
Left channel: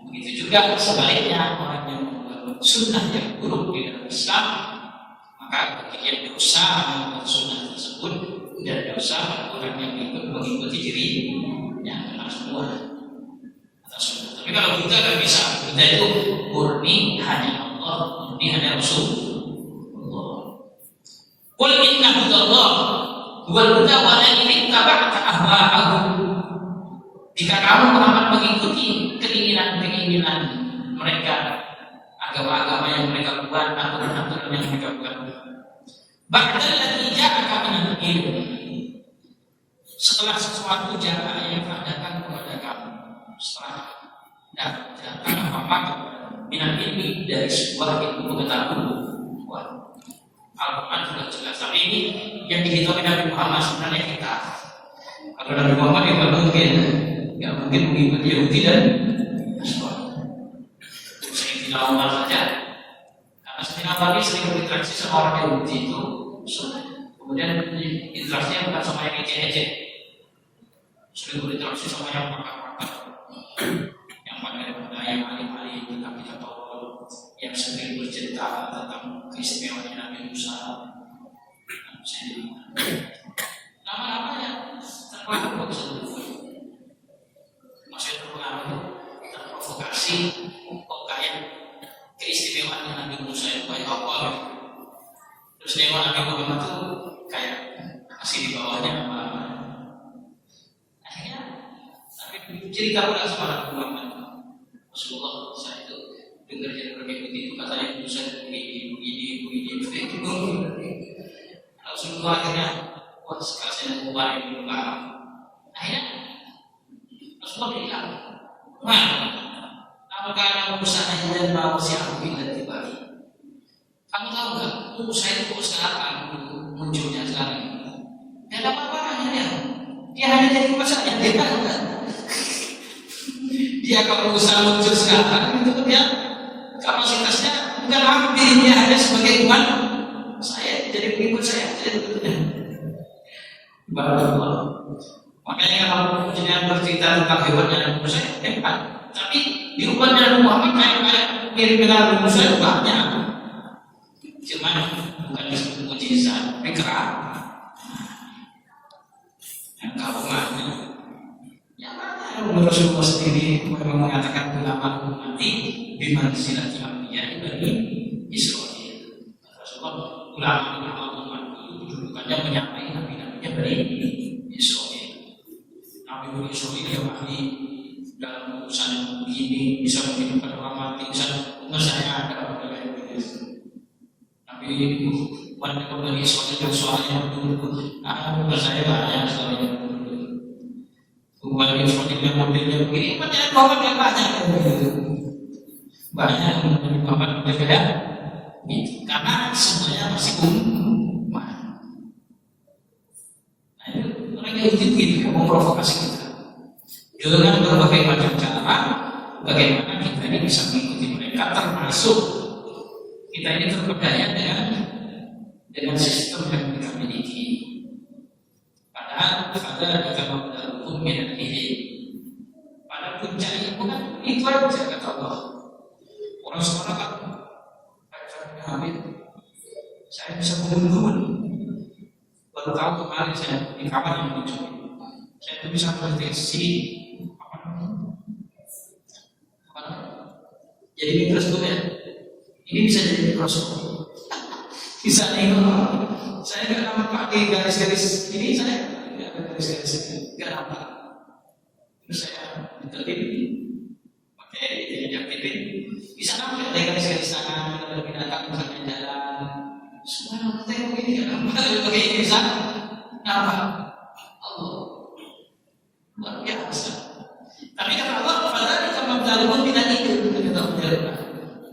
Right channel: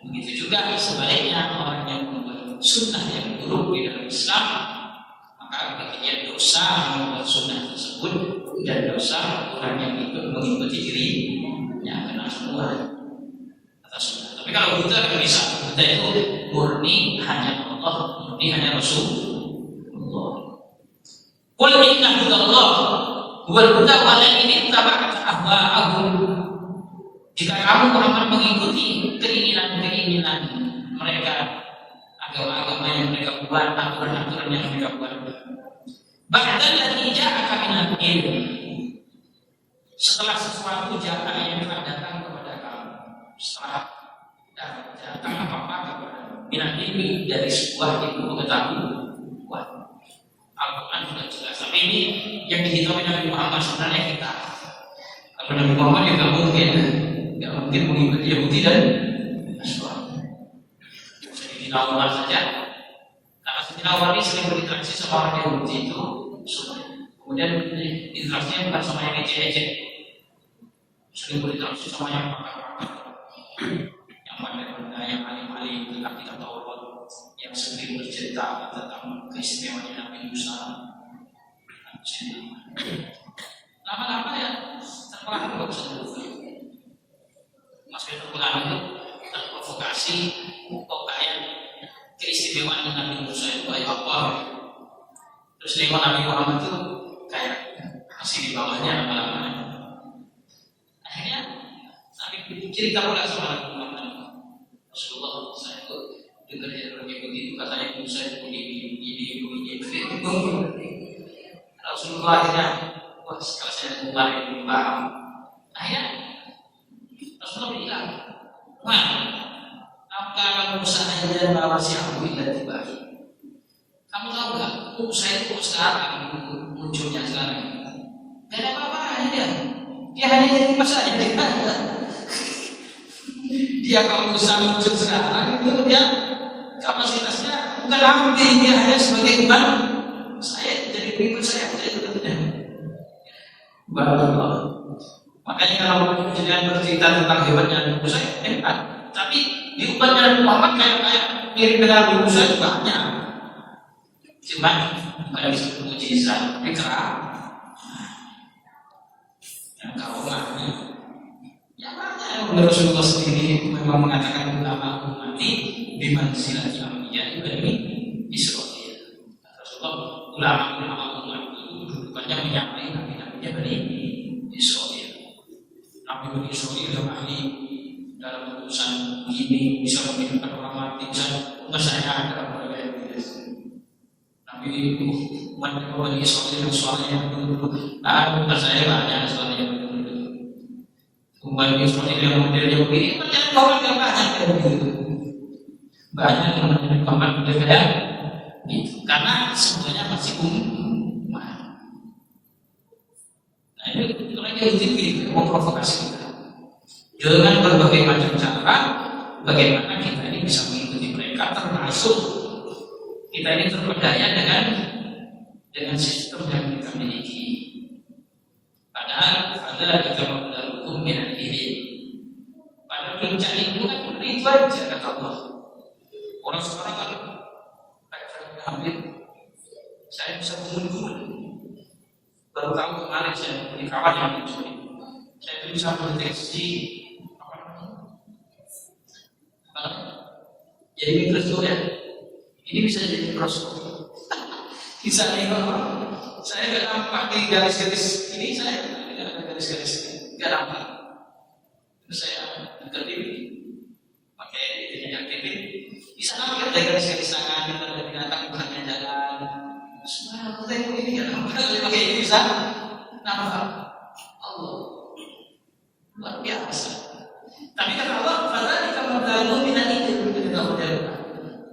Begitu juga sebaliknya, orang yang membuat sunnah yang buruk di dalam Islam, maka bagi dia dosa membuat sunnah tersebut dan dosa orang yang mengikuti dirinya, karena semua atas sunnah. Tapi kalau buta kan bisa, buta itu murni hanya Allah, murni hanya Rasulullah. Qul inna hudallah wal huda wa la ittaba'ta ahwa'ahum. Jika kamu Muhammad mengikuti keinginan-keinginan mereka, agama-agama yang mereka buat, aturan-aturan yang mereka buat, ba'dal ladzi ja'aka minal ilm, setelah sesuatu jaka yang adakan kepada kamu, setelah datang apa-apa minal ilmi dari sebuah ilmu pengetahuan. Al-Quran sudah jelas, tapi ini yang dihitungin Nabi Muhammad sebenarnya kita. Kalau Nabi Muhammad ya nggak mungkin mengikuti Yahudi dan Nasrani. Sayyidina Umar saja, karena Sayyidina Umar ini sering berinteraksi sama orang Yahudi itu sunnah. Kemudian interaksinya bukan sama yang ecek-ecek, sering berinteraksi sama yang pakar-pakar, yang pandai-pandai, yang alim-alim tentang kitab Taurat, yang sering bercerita tentang keistimewaan Nabi Musa. Lama-lama ya terpengaruh maksudnya pengaruh itu terprovokasi. Kok kayak keistimewaan Nabi Musa itu kayak apa? Terus nengok Nabi Muhammad itu kayak masih di bawahnya lama-lama. Akhirnya Nabi cerita pula sama Nabi Muhammad, Rasulullah, saya itu dengar dari orang Yahudi itu katanya Musa itu begini. Rasulullah akhirnya setelah saya mulai paham, akhirnya Rasulullah bilang, wah, apakah Musa hanya bawa siapa bila dibagi? Kamu tahu nggak? Musa itu sekarang munculnya sekarang. Tidak ada apa-apanya dia hanya jadi masalah dia kalau Musa muncul sekarang itu dia kapasitasnya bukan hampir, dia hanya sebagai umat saya, jadi pengikut saya. Barakallah. Makanya kalau jenengan bercerita tentang hebatnya Nabi Musa, hebat. Tapi di umatnya Nabi Muhammad kayak mirip dengan Nabi Musa itu banyak. Cuma bukan disebut mujizat, tapi keramat. Yang karomahnya, yang mana Rasulullah sendiri memang mengatakan ulama ummati biman silati ambiya ibni Israil. Rasulullah ulama umat itu kedudukannya menyamai nabi-nabinya dari Israil. Nabi Israil yang ahli dalam urusan ini, bisa menghidupkan orang mati, bisa mengesahkan ada orang yang Nabi Mereka bagi suaminya dulu. Nah, benar saya banyak suaminya dulu. Kembali seperti yang modelnya begini, kan jangan komen yang banyak kayak begitu. Banyak yang menjadi komen model kayak gitu, karena semuanya masih umat. Nah ini mereka gitu memprovokasi kita dengan berbagai macam cara. Bagaimana kita ini bisa mengikuti mereka, termasuk kita ini terpedaya dengan sistem yang kita miliki. Padahal ada jika hukum minat diri. Pada puncak ilmu kan itu aja kata Allah. Orang sekarang kan hampir saya bisa mengunggul. Baru tahu kemarin saya di kawan yang muncul. Saya itu bisa mendeteksi jadi mikroskop ya. Ini bisa jadi mikroskop. Bisa nengok. Saya nggak nampak di garis-garis ini, saya nggak ada garis-garis ini, nggak nampak. Terus saya deketin pakai yang TV, bisa nampak ada garis-garis tangan, ada binatang misalnya jalan. Semua tengok ini nggak nampak, pakai ini bisa nampak. Allah luar biasa. Tapi kata Allah, "Fadhal kama ta'lamun min al-ilm."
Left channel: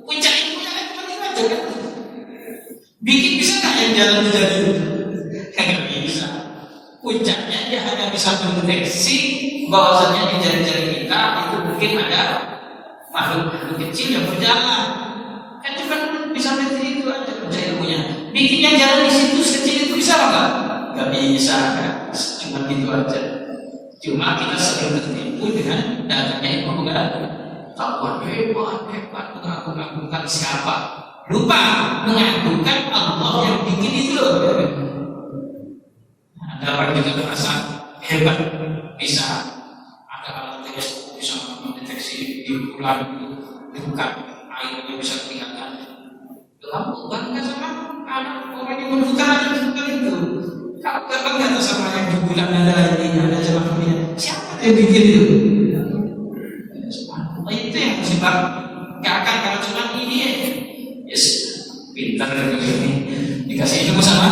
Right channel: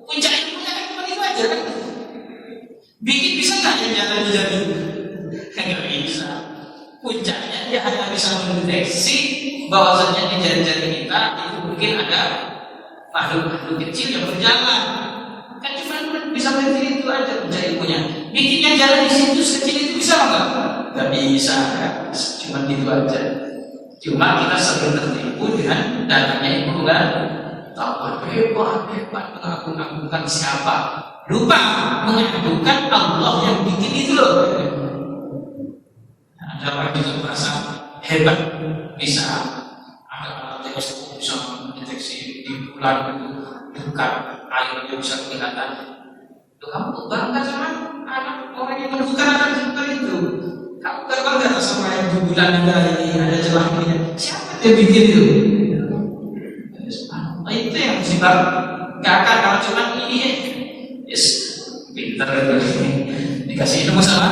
Puncak ilmunya kan cuma itu aja kan. Bikin bisa nggak yang jalan tidak dulu? Nggak bisa. Puncaknya dia hanya bisa mendeteksi bahwasanya di jari-jari kita itu mungkin ada makhluk kecil yang berjalan. Kan cuma bisa mendeteksi itu aja puncak ilmunya. Bikinnya jalan di situ sekecil itu bisa nggak? Nggak bisa kan? Cuma gitu aja. Cuma kita sering tertipu dengan datanya ilmu kan? Takut hebat mengagung-agungkan siapa? Lupa mengagungkan Allah yang bikin itu loh. Ada orang juga merasa hebat, bisa ada alat teleskop bisa mendeteksi di bulan itu bukan airnya bisa kelihatan. Tuh kamu bangga sama anak orang yang menemukan alat seperti itu. Kamu gak bangga sama yang di bulan ada ini ada celah ini. Siapa yang bikin itu? Itu yang musibah. Gak akan kalau cuma ini yes, pintar ini dikasih ilmu sama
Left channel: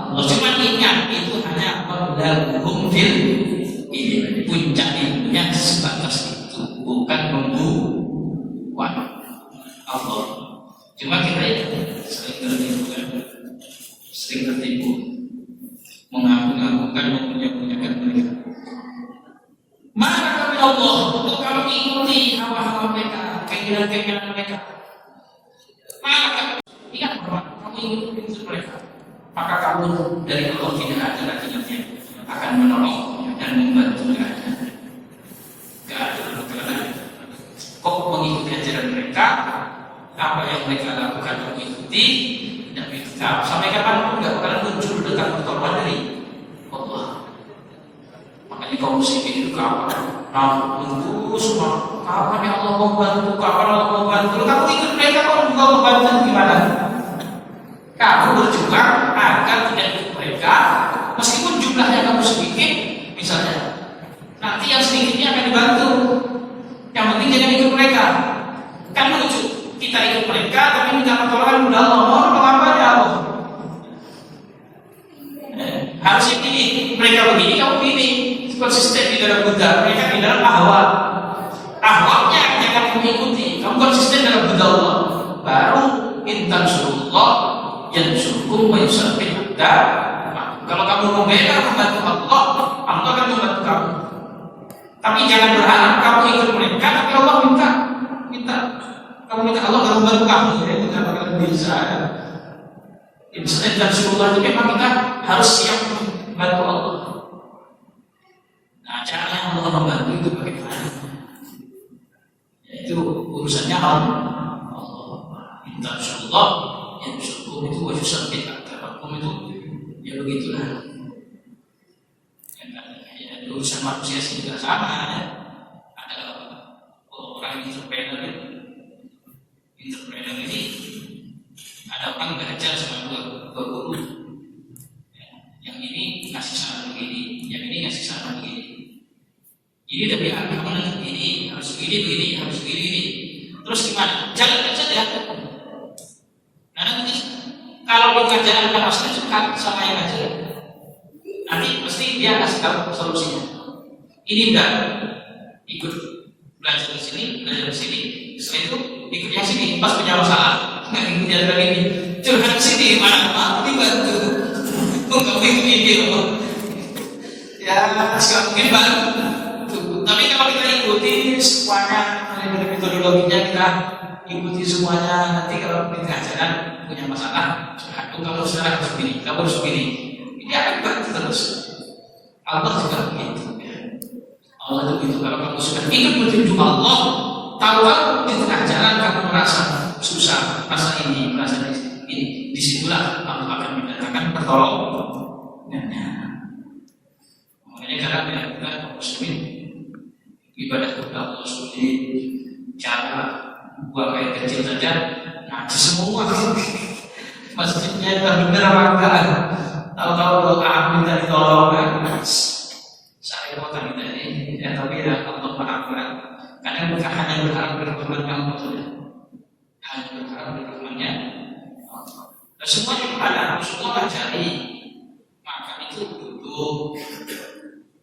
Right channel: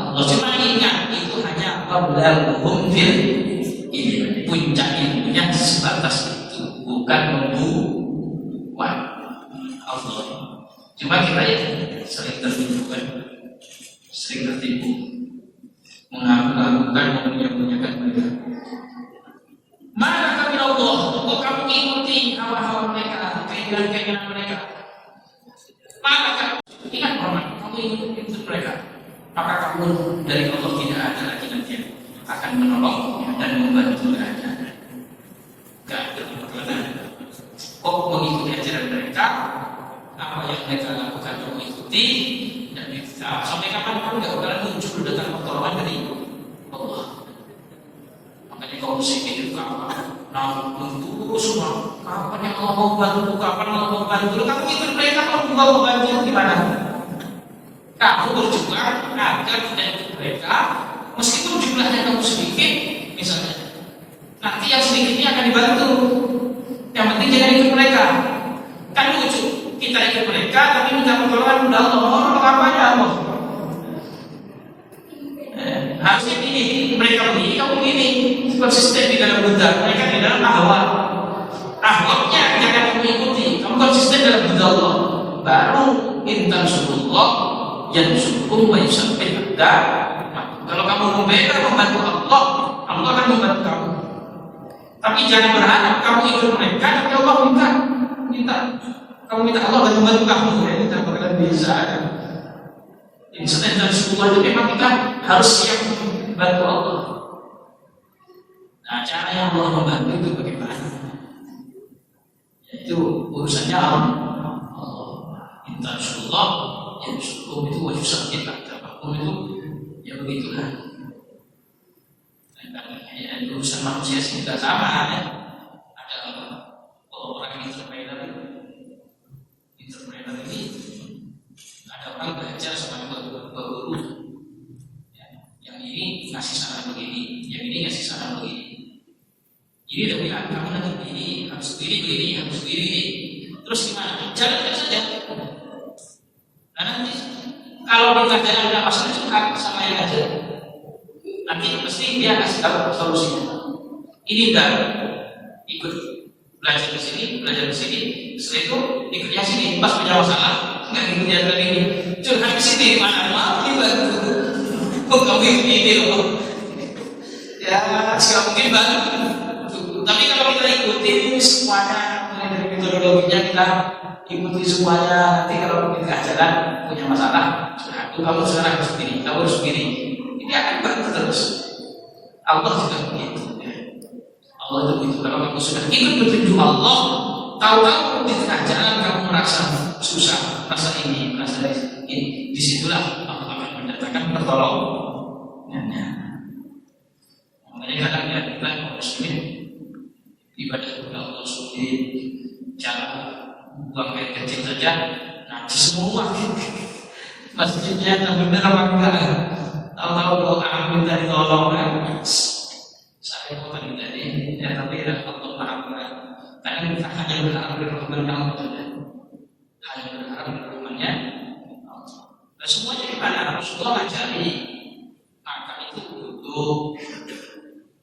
Allah. Cuma ingat itu hanya wablaghum fil ilmi, puncak ilmunya sebatas itu, bukan membuat Allah. Cuma kita ya sering tertipu kan, sering tertipu mengagung-agungkan, memunya-munyakan mereka. Maka kami Allah, kok kamu ikuti hawa-hawa mereka, keinginan-keinginan mereka. Maka ingat orang, kamu ikuti mereka. Maka kamu dari Allah tidak ada lagi nanti yang akan menolong dan membantu mereka. Gak ada karena kok mengikuti ajaran mereka, apa yang mereka lakukan kamu ikuti, dan itu sampai kapanpun gak bakalan muncul dekat pertolongan dari Allah. Makanya kaum muslimin itu kapan? Nah, tunggu semua. Kapan ya Allah mau bantu? Kapan Allah mau bantu? Kamu ikut mereka, kamu juga mau bantu gimana? Kamu berjuang agar tidak ikut mereka, meskipun jumlahnya kamu sedikit, misalnya. Nanti yang sedikitnya akan dibantu. Yang penting jangan ikut mereka. Kan lucu. Kita ikut mereka, tapi minta pertolongan kepada Allah. Allah apa ya Allah? Harusnya ini mereka begini, kamu begini. Konsisten di dalam Buddha, mereka di dalam ahwa. Ahwanya jangan kamu ikuti. Kamu konsisten dalam Buddha Allah. Baru intan surullah yang surkum wa yusabbih. Nah, kalau kamu membela membantu Allah, Allah akan membantu kamu. Tapi jangan berharap kamu ikut mereka, tapi Allah minta. Kamu minta Allah akan membantu kamu. Ya, itu tidak bakalan bisa. Intan surullah itu memang kita harus siap membantu Allah. Nah, cara yang Allah membantu itu bagaimana? Yaitu urusannya Allah. Insyaallah yang syukur itu wajib sampai kata hukum itu ya begitulah. Ya, urusan manusia sih juga sama ya. Ada orang entrepreneur ini ada orang belajar sama dua guru. Yang ini ngasih saran begini, yang ini ngasih saran begini. Ini lebih agak ini harus begini, harus begini. Terus gimana? Jalankan saja. Nah nanti Kalau di kajian asli suka sama yang ngajar, nanti pasti dia kasih tahu solusinya. Ini udah ikut belajar di sini, belajar di sini. Setelah itu ikut yang sini, pas punya masalah nggak ikut yang ini. Curhat di sini, mana dibantu. Kok ini loh. Ya, sekarang mungkin baru. Tapi kalau kita ikuti semuanya, dari metodologinya kita ikuti semuanya. Nanti kalau kita ajaran punya masalah, itu kamu sekarang harus begini, kamu harus begini. Ini akan bantu terus. Allah juga begitu. Allah itu begitu. Kalau kamu sudah ikut petunjuk Allah, tahu-tahu di tengah jalan kamu merasa susah, merasa ini, merasa ini, disitulah Allah akan mendatangkan pertolongannya. Makanya kadang-kadang kita muslimin ibadah kepada Allah seperti cara buang air kecil saja, najis semua. Masjidnya terbener apa enggak? Tahu-tahu doa amin dari tolong kan? Saya mau tadi ya tapi ya Allah maafkan. Kadang bukan hanya berharap berkorban kamu saja, hanya berharap berkorbannya. Dan semuanya kepada Allah, semua cari makan itu duduk,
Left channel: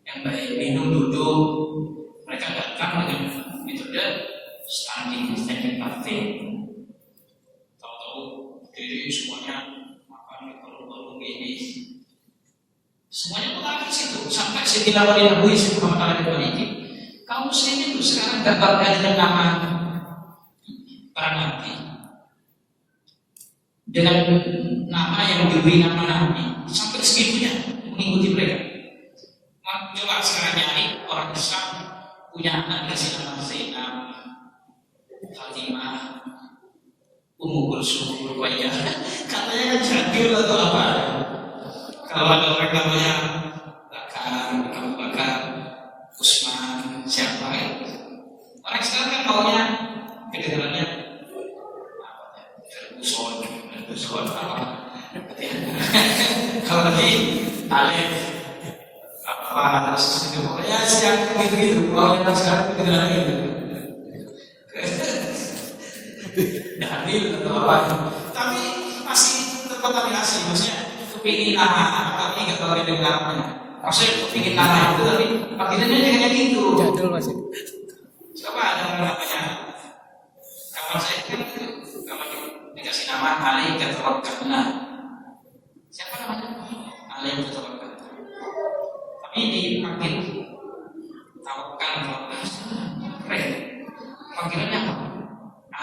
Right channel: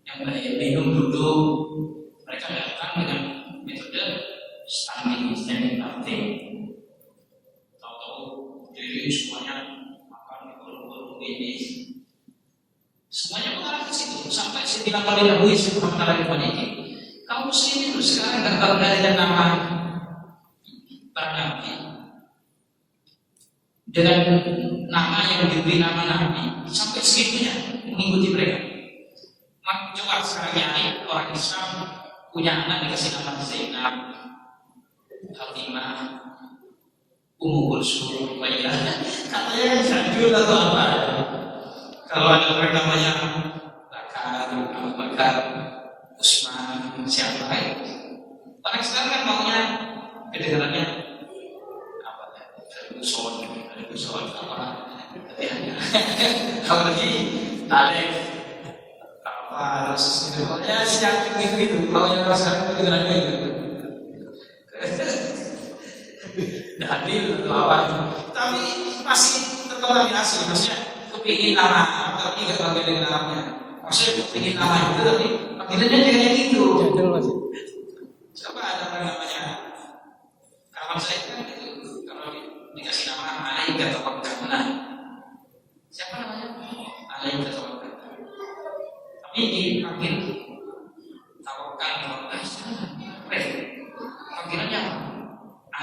yang baik minum duduk. Mereka datang dengan metode standing party. Tahu-tahu jadi semuanya makan di kolom ini. Semuanya mengalir di situ sampai Sayyidina Ali Nabi Muhammad al-Fatih. Kaum muslimin itu sekarang nggak bangga dengan nama para nabi, dengan nama yang diberi nama nabi, sampai segitunya mengikuti mereka. Coba sekarang nyari orang Islam punya anak dikasih nama Zainab, Fatimah, Ummu Kulsum, Ruqayyah, katanya jadul atau apa? Kalau ada orang namanya Bakar, Abu Bakar, Usman, siapa itu? Orang sekarang kan maunya kedengarannya apa? Ferguson apa? Kalau lagi Alif apa terus ya siap gitu. Kalau yang sekarang kedengarannya gitu. Adil atau apa? Tapi masih terkontaminasi, maksudnya kepingin nama, tapi nggak tahu dia namanya. Maksudnya kepingin nama itu tapi panggilannya jangan gitu. Jadul masih. Coba ada orang namanya kawan saya kan itu, kalau dikasih nama Ali Gatwakarna. Siapa namanya? Ali Gatwakarna. Tapi dipanggil Tawakal keren. Panggilannya apa?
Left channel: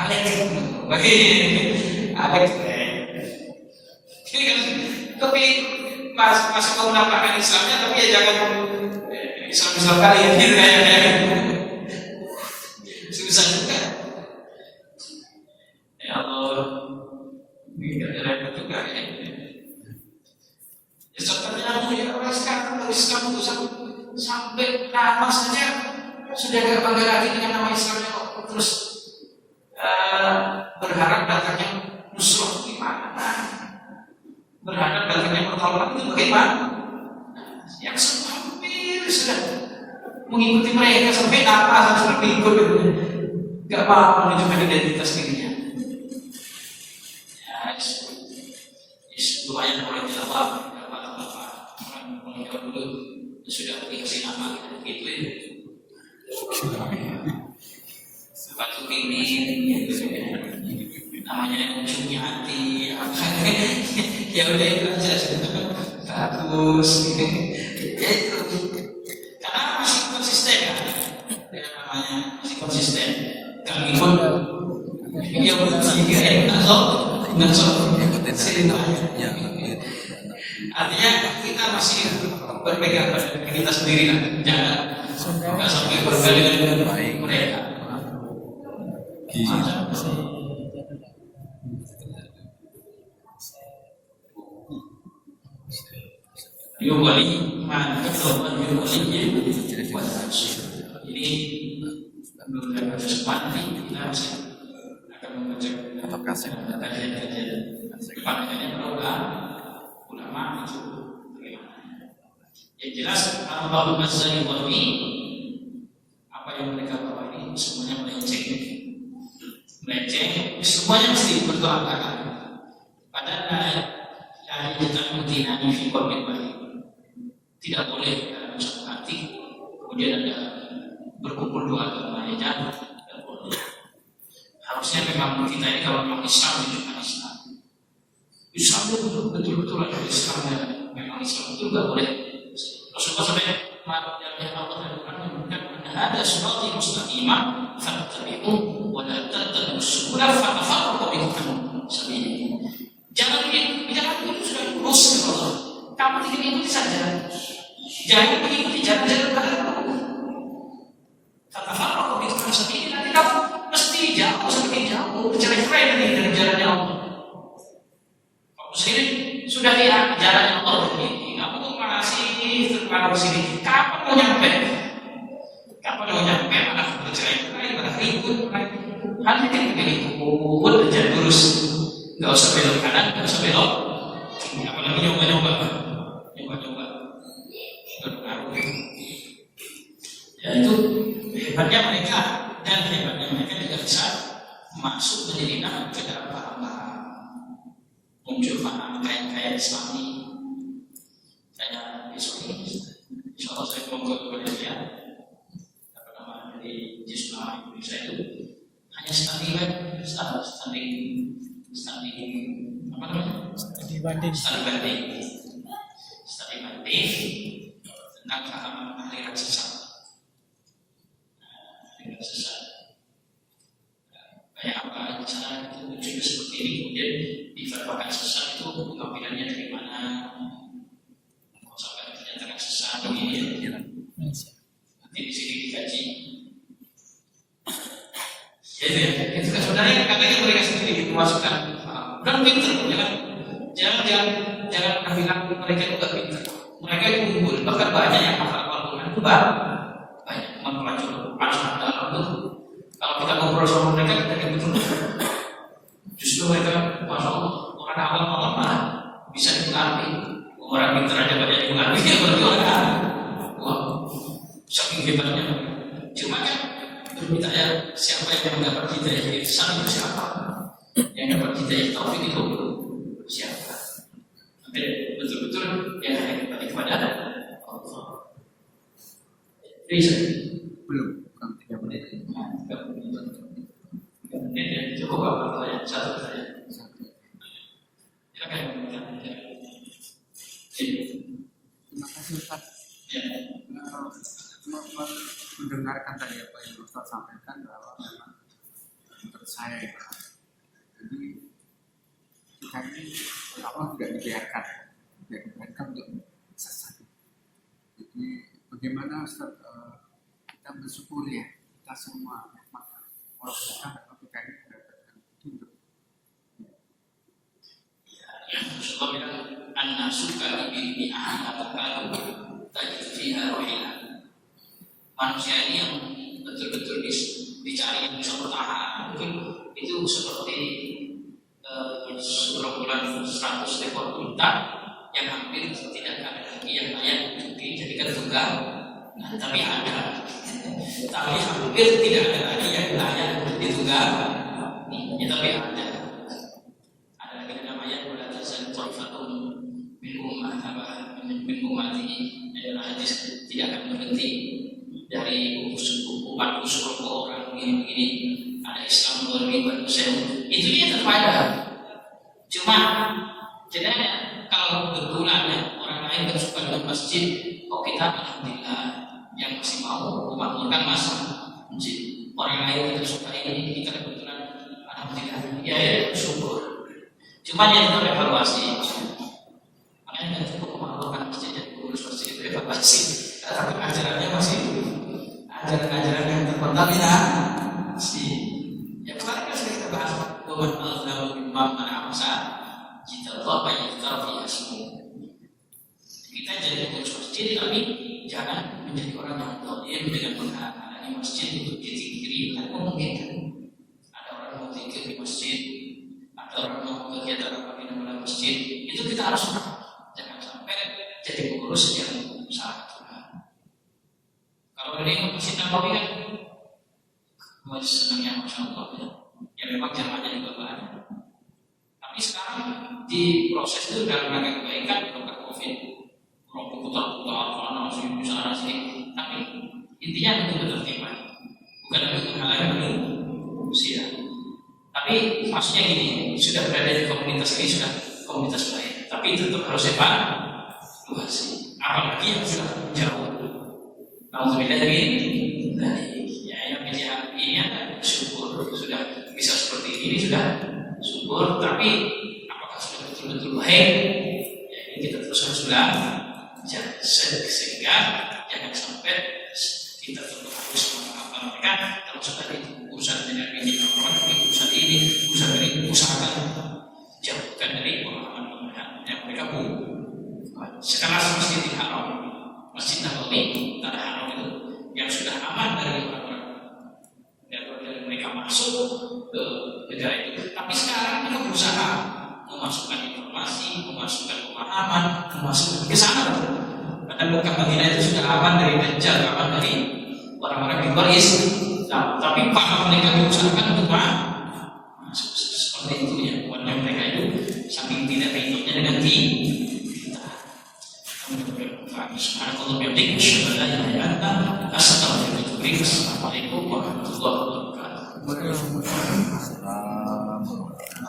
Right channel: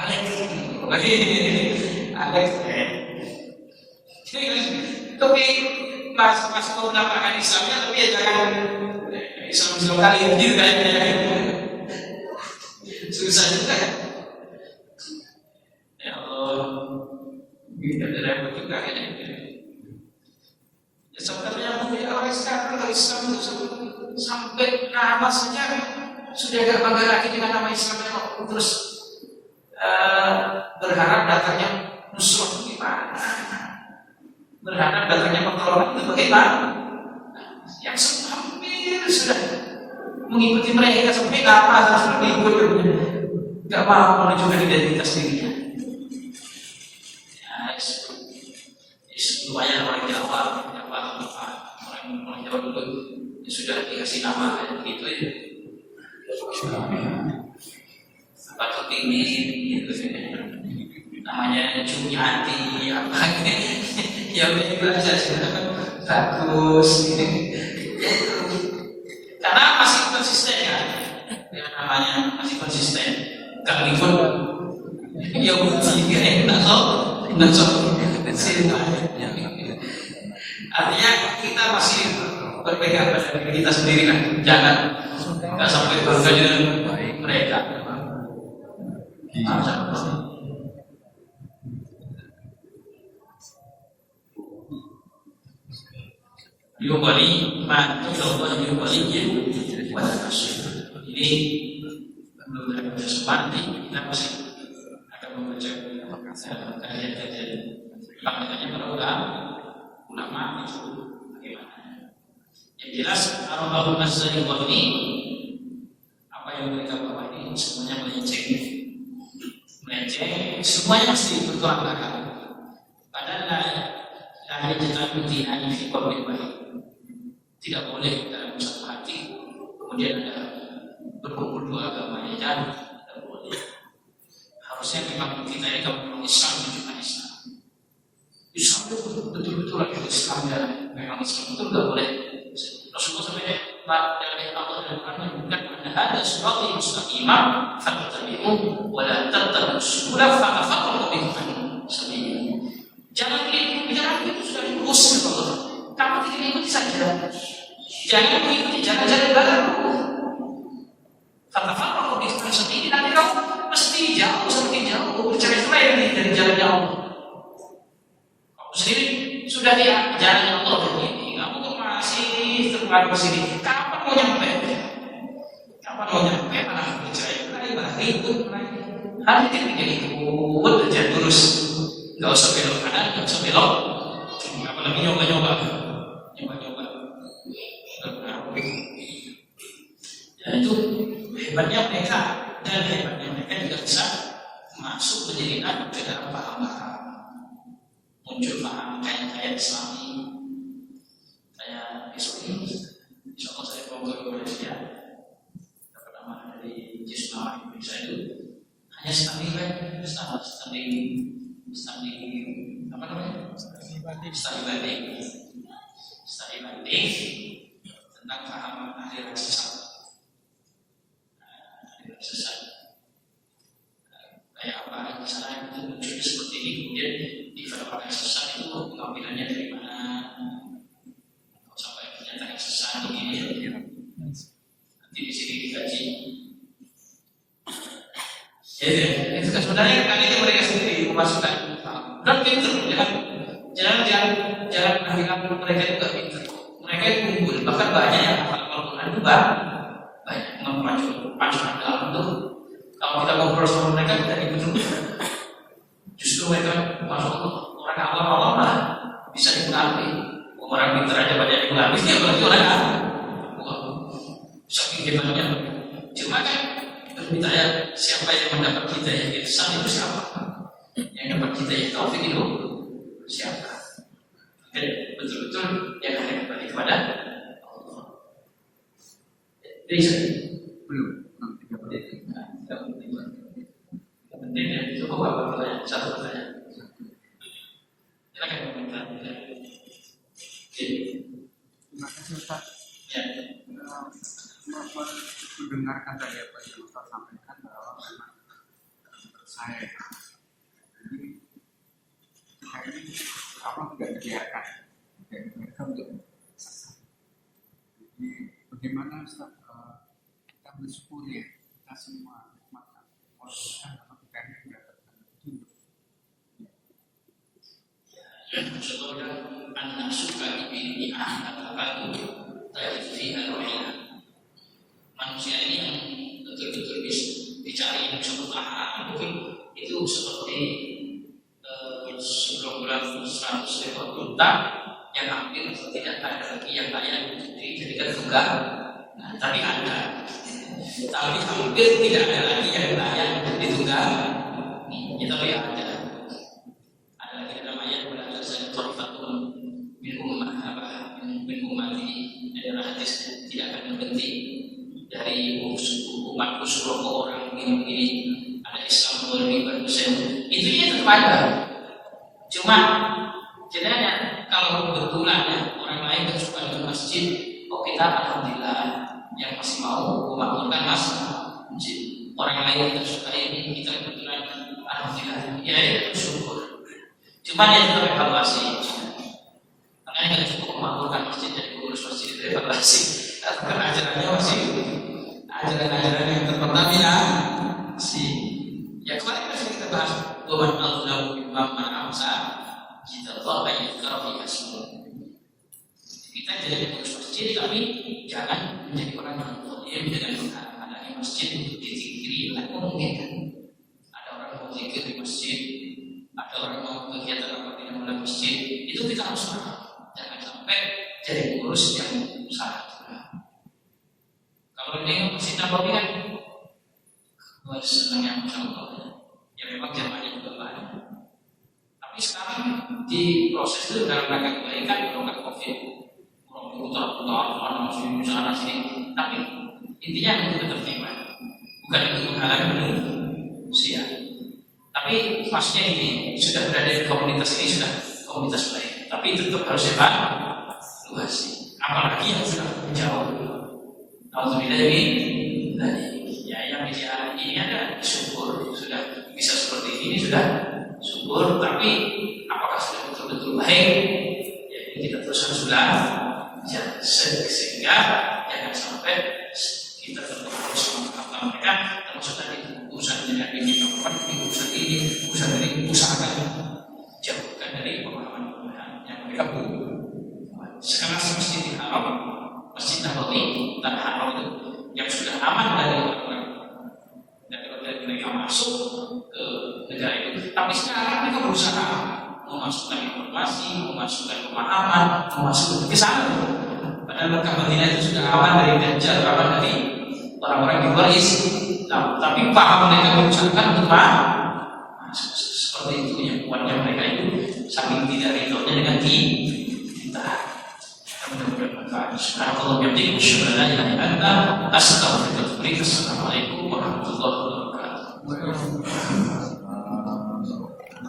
Alex bagi Alex tapi masuk ke penampakan Islamnya, tapi ya jangan Islam kali ya gitu kayak susah juga ya Allah, kita ada juga ya sebenarnya orang sekarang kalau Islam itu sampai nama saja sudah gak bangga lagi dengan nama Islamnya, terus berharap datangnya nusrah gimana? Berharap datangnya pertolongan itu bagaimana? Yang hampir sudah mengikuti mereka sampai apa seperti itu, nggak mau menunjukkan identitas dirinya. Ya, lumayan orang Jawa, orang Jawa dulu sudah dikasih nama gitu ya. Sepatu pingin gitu namanya Jumiati apa ya udah itu aja bagus gitu. Karena masih konsisten ya dengan namanya, masih konsisten kami pun ya uji enak kok artinya kita masih berpegang pada diri kita sendiri lah, jangan nggak sampai bangga dengan mereka. Yubali man Allah yubali ini menurut kesempatan kita masih akan membaca kajian-kajian pandangannya para ulama itu bagaimana. Yang jelas Allahumma sholli ini apa yang mereka bawa ini semuanya melenceng, semuanya mesti bertolak belakang. Padahal tajtamudina fi qablin wahid. Tidak boleh dalam satu hati kemudian ada berkumpul dua agama yang jauh. Tidak boleh. Harusnya memang kita ini kalau memang Islam cuma Islam. Islam itu betul-betul adalah Islam ya. Memang Islam itu tidak boleh. Rasulullah sampai dari Allah dan Quran menyebutkan ada sirati mustaqimah fattabi'u wa la tattabi'us subula fatafarraqu bikum an sabili. Jangan mengikuti jalan itu sudah lurus ya Allah. Kamu tidak ikuti saja. Jangan mengikuti jalan-jalan baru. Fatafarraqu bikum an sabili. Nanti kamu mesti jauh semakin jauh bercerai-berai dari jalannya Allah. Kamu sendiri sudah di jalan Allah ini. Kamu kok masih terpengaruh sini. Kapan mau nyampe? Kapan mau nyampe? Mana bercerai-berai, mana ribut lagi. Hal ini tidak ikut aja lurus. Nggak usah belok kanan, nggak usah belok. Apalagi nyoba-nyoba. Ya itu hebatnya mereka dan hebatnya mereka juga bisa masuk menjadi nabi ke dalam paham-paham. Muncul paham kayak Islami. Saya besok ini, insya Allah saya mau ke Malaysia. Apa nama dari Jisma Indonesia itu hanya standing apa namanya? Studi banding tentang kehaman aliran sesat. Kayak apa di sana itu munculnya seperti ini, kemudian difatwakan sesat itu pengambilannya dari mana? Kalau sampai dinyatakan sesat ini, nanti di sini dikaji. Jadi itu kan sebenarnya kakaknya mereka sendiri memasukkan. Dan pintar, jangan bilang mereka juga pintar. Mereka itu unggul, bahkan banyak yang hafal Al-Quran itu banyak mempelajari dalam itu. Kalau kita ngobrol sama mereka kita betul. Justru mereka, masya Allah, orang awam lah bisa dipengaruhi. Orang pintar aja banyak dipengaruhi, ya berarti orang awam. Wah, saking hebatnya. Cuma kan berbicara siapa yang mendapat hidayah itu sama itu siapa? Yang dapat hidayah taufik itu siapa? Betul-betul yang hanya kembali kepada Allah. Bisa belum? 3 menit. 3 menit ya cukup apa pertanyaan? Satu pertanyaan. Silakan komentar. Terima kasih Ustaz. Ya. Mendengarkan tadi apa yang Ustaz sampaikan bahwa memang menurut saya jadi kita ini Allah tidak dibiarkan untuk sesat. Jadi bagaimana Ustaz kita bersyukur ya kita semua nikmat Allah berikan bahwa kita ini mendapatkan hidup. Rasulullah bilang an-nasu kalibi bi'ahatabahu tajfiha rohina. Manusia ini yang betul-betul dicari yang bisa bertahan itu seperti sebulan 100 ekor unta yang hampir tidak ada lagi yang layak untuk dijadikan tunggang. Nah, tapi ada. Tapi hampir tidak ada lagi yang layak untuk ditunggang. Nih, tapi ada. Ada lagi namanya bulan Zulfatun min ummati dalam hadis tidak akan berhenti dari umatku seluruh orang begini-begini. Ada Islam berlibat Muslim. Itu ya tetap ada. Cuma sebenarnya kalau kebetulan ya, orang lain yang suka dengan masjid, kita alhamdulillah yang masih mau memakmurkan masjid. Orang lain yang suka ini, kita kebetulan alhamdulillah ya syukur. Cuma yang itu evaluasi. Makanya kita cukup memakmurkan masjid jadi pengurus masjid itu evaluasi. Tapi ajarannya masih ajaran-ajaran yang terpertamina masih. Ya kemarin kita bahas waman al-lahu bimam man'amsa kita tahu banyak terfiah semua. Kita jadi pengurus masjid tapi jangan menjadi orang yang zalim dengan menghalangi masjid untuk dizikiri. Tidak memungkinkan. Ada orang mau zikir di masjid, ada orang mau kegiatan apa di dalam masjid, itu kita harus jangan sampai jadi pengurus yang salah juga. Kalau ini masjid Nabawi kan senangnya Masya Allah ya. Ya memang zamannya juga banyak. Tapi sekarang di proses itu dalam rangka kebaikan, rangka COVID, orang putar-putar, mana masih di sana sini. Tapi intinya untuk ketertiban, bukan untuk menghalangi manusia. Tapi maksudnya gini, sudah berada di komunitas ini sudah komunitas baik, tapi tetap harus evaluasi. Apalagi yang sudah jauh. Kalau sudah dari ya yang media ini ada syukur sudah bisa seperti ini sudah syukur, tapi apakah sudah betul-betul baik? Ya ini kita terus harus belajar sehingga jangan sampai kita tetap harus mengatakan mereka termasuk tadi urusan dengan ini urusan ini urusan ini usahakan jauhkan dari pemahaman yang mereka sekelas Masjid Haram, Masjid Nabawi, Tanah Haram itu yang sudah aman dari orang dan mereka masuk ke negara itu. Tapi sekarang mereka berusaha memasukkan informasi, memasukkan pemahaman, memasukkan ke sana. Padahal Mekah Madinah itu sudah aman dari Dajjal, aman dari orang-orang yang luar Islam. Tapi paham mereka berusaha untuk masuk seperti itu yang kuatnya mereka itu saking tidak ridhonya dengan kita. Mudah-mudahan bermanfaat. Subhanallah wa bihamdihi, asyhadu an la ilaha illa anta, astaghfiruka wa atubu ilaik.